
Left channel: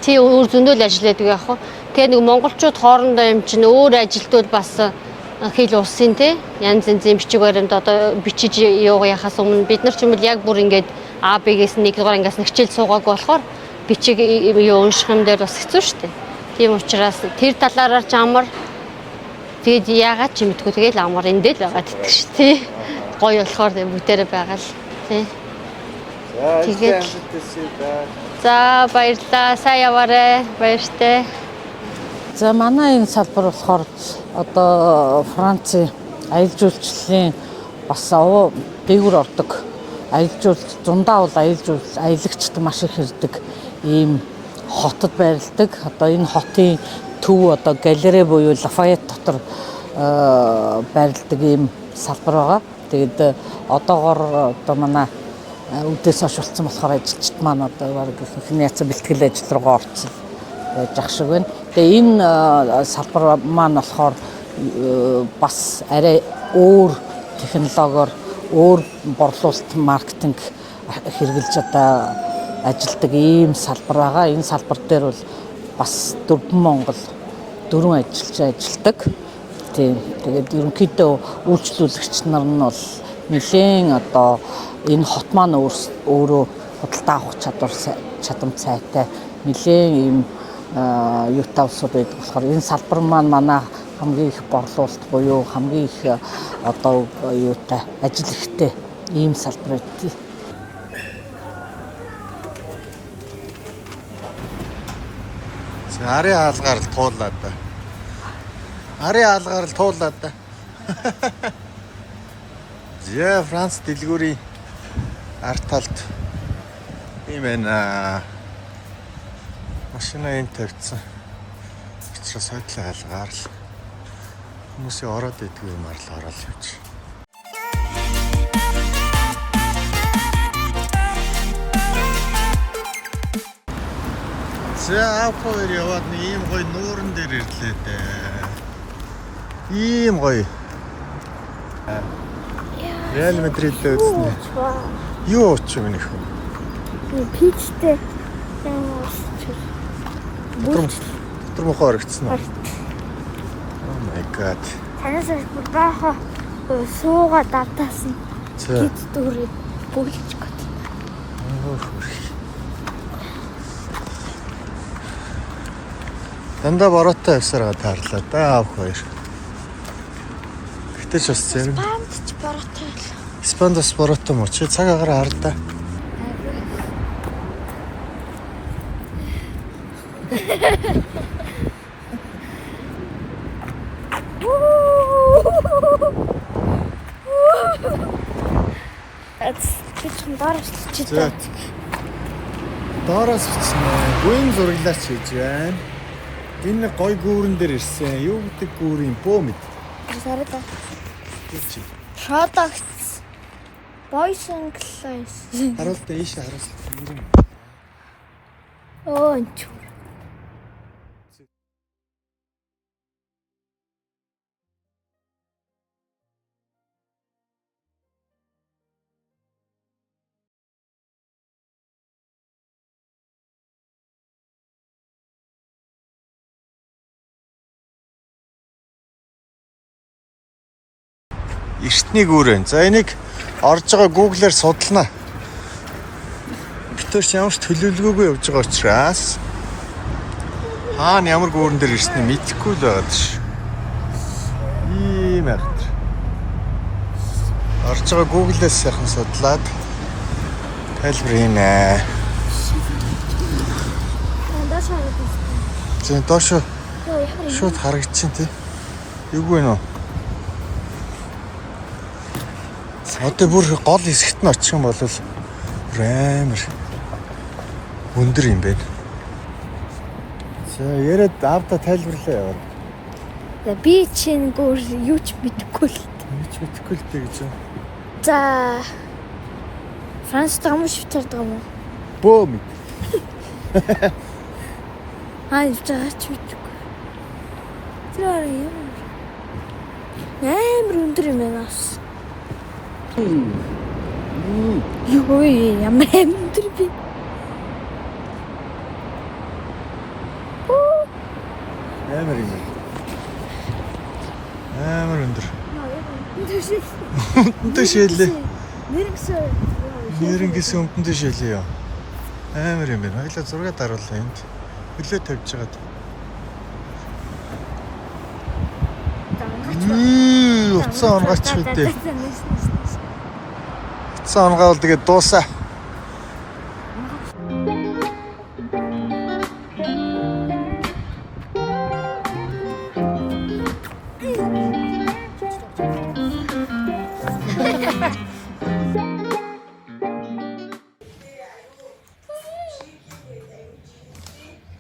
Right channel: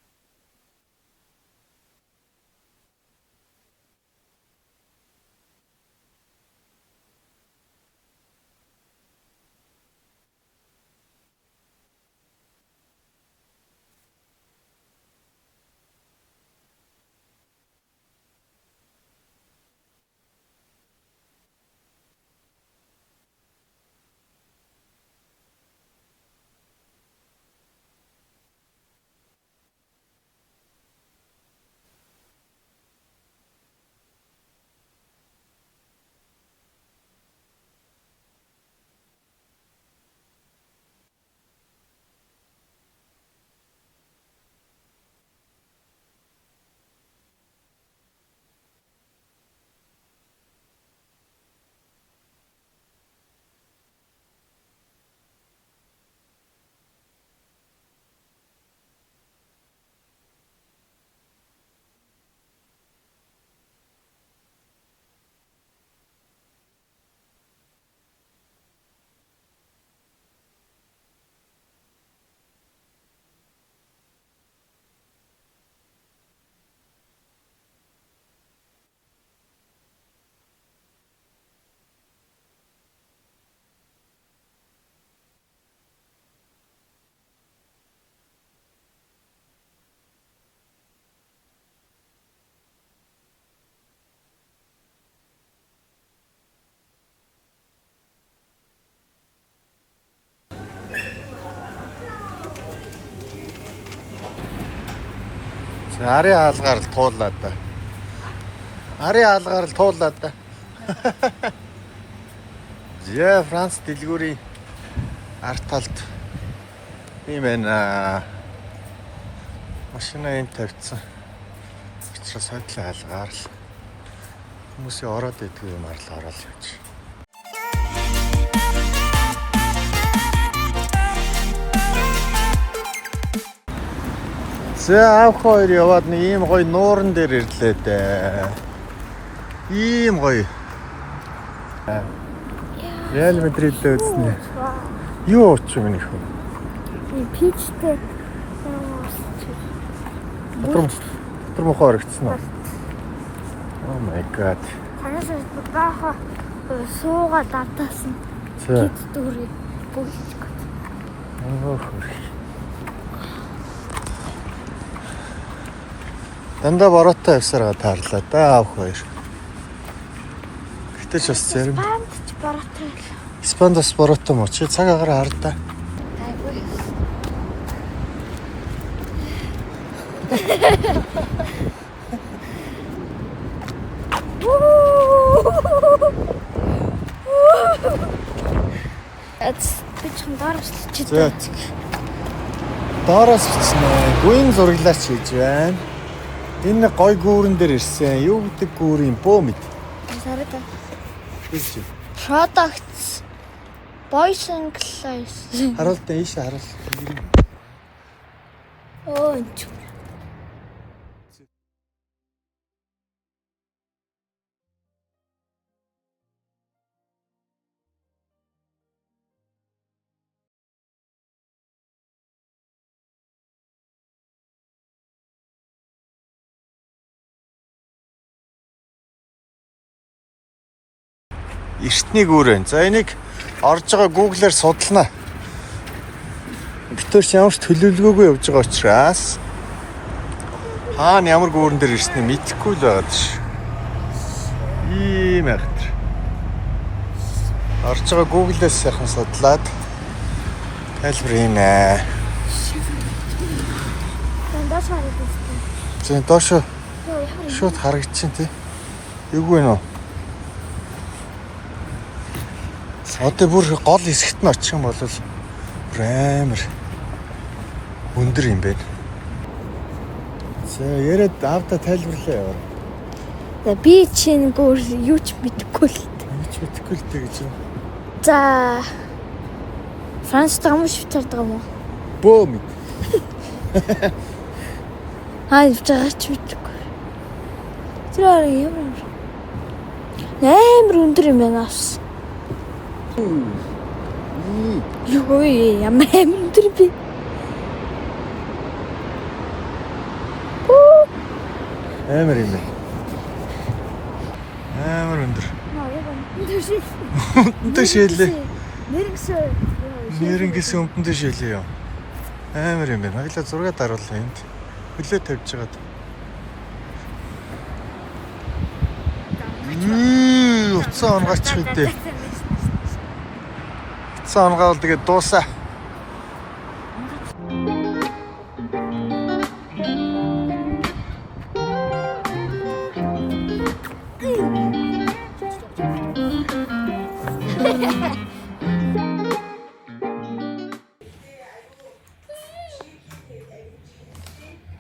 Тий өөр зөндөл ажилладаг яах вэ? Тэгээ нэг монголчууд хоорондоо юм чинь өөр ажилтууд бас хэл улсын тий янз янзын бичиг баримт одоо бичиж явахаас өмнө бид нар ч юм бол яг бүр ингээд А-Б-гээс 1 дугаар ангиас нэг хичээл суугаагүй болохоор бичиг юу унших юм дээр бас хэцүү шүү дээ. Тийм учраас тэр талаараа ч амар тэгээд яагаад ч мэдгүй тэгээд амар эндээ л байгаа гэдэг шүү тий. Гоё болохоор бүгдээрээ байгаа л тий. За Тэгээд за баярлалаа. Сайн яваарэ. Баяртай. За манай энэ салбар болохоор одоо Францын аялал жуулчлалын бас дээгүүр ордог. Аялал жуулч зундаа бол аялагчд маш их ирдэг ийм хотод байрладаг. Одоо энэ хотын төв одоо галерей буюу Лафайет дотор байрладаг ийм салбар байгаа. Тэгээд одоогоор одоо манай үдээс хойш болсон болохоор ажилчид маань одоо баг ихний яцсан бэлтгэл ажил руугаа орцсон байж ах шиг байна. Тэгээ энэ салбар маань болохоор бас арай өөр технологиор өөр борлуулалт маркетинг хэрэгжилж одоо ажилдаг ийм салбар байгаа. Энэ салбар дээр бол бас дөрвөн ажилдаг. Тийм. Тэгээд ерөнхийдөө үйлчлүүлэгч нар нь бол нэлээд одоо энэ хот маань өөрөө худалдаа авах чадамж сайтай нэлээд ийм юутай улсууд байдаг болохоор энэ салбар маань манай хамгийн их борлуулалт буюу хамгийн их одоо юутай ажил ихтэй ийм салбар байдаг. За арын хаалгаар л туулаад да. Арын хаалгаар л туулаад да. Яа Франц дэлгүүрийн арт талд ийм байна. Машина энэ тавьчихсан. Очроо сойдлын хаалгаар хүмүүсийн ороод идэх юм арал ороод явж. За авах хоёр яваад нэг ийм гоё нууран дээр ирлээ дээ. Ийм гоё. Реал Мадрид л үзсэн. Юу ч юм нэх үү? Пичтэй. Тэр мохоор ирсэн үү? Oh my god. Танаас баха сууга давтаасан. Кит дөрөв бүлж гот. Дандаа бороотой явсараа таарлаа да авах хоёр. Гэтэл ч бас зарим Испандас бороотой мó чи цаг агаар хардаа. Бичсэн доороос чи. Доороос бичнэ. Гүн зураглаач хийж байна. Энэ гой гүүрэн дээр ирсэн. Юу гэдэг гүүрийн бөө мэд. Сарда. Products Boys and Girls. Харуултаа ийшээ харуул. Оо. Эртний гүүрэн. За энийг орж байгаа Google-аар судалнаа. Битүүр ч ямар ч төлөвлөгөөгүй явж байгаа учраас хаана ямар гүүрэн дээр ирснээ мэдэхгүй л байгаа ш. Ийм ахт. Орж байгаа Google-аас сайхан судлаад тайлбарна. Доош харагдсан. Зэн доош шууд харагдчихээн тий. Юугүй нөө. Одоо бүр гол хэсэгт нь очих юм бол бүр амар өндөр юм байна. За яриад авда тайлбарлаа. За би чинь гөр юу ч мэдэхгүй л. Юу ч мэдэхгүй л дээ гэж. За Франц таамаг швейцард байгаа юм уу? Бөөм. Явж байгаа ч мэдэхгүй. Тэр юм. Амар өндөр юм байна ас. Юу ямар өндөр би. Амар юм байна. Амар өндөр. Өндөр шилээ. Нэрэнгээс өмдөн шилээ яа. Амар юм байна. Хоёлаа зураг даруулъя энд. Хөлөө тавьж байгаад. Уцсан онгооч үдээ. Уцсан онгоо бол тэгээд дуусаа.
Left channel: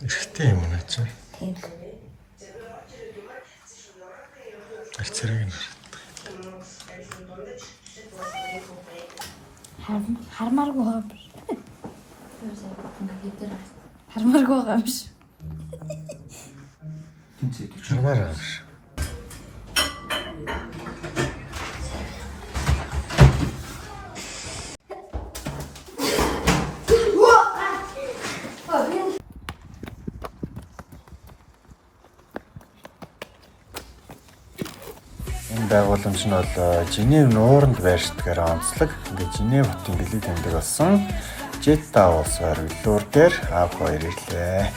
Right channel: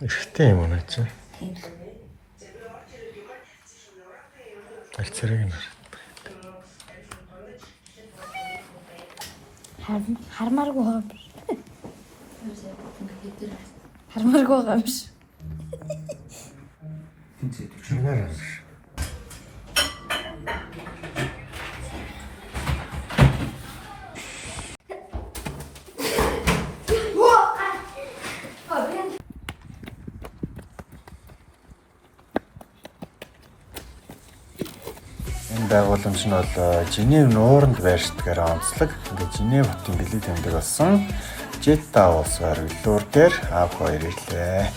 Эрэгтэй юм уу наа чи? Арцэрэг юм. Хармааргүй байгаа юм биш. Хармааргүй байгаа юм биш. Хармаар аа. Энэ байгууламж нь бол Женев нууранд байршдгаар онцлог. Ингээд Женев хотын бэлэг тэмдэг болсон Жета улс оргилуур дээр аав хоёр ирлээ.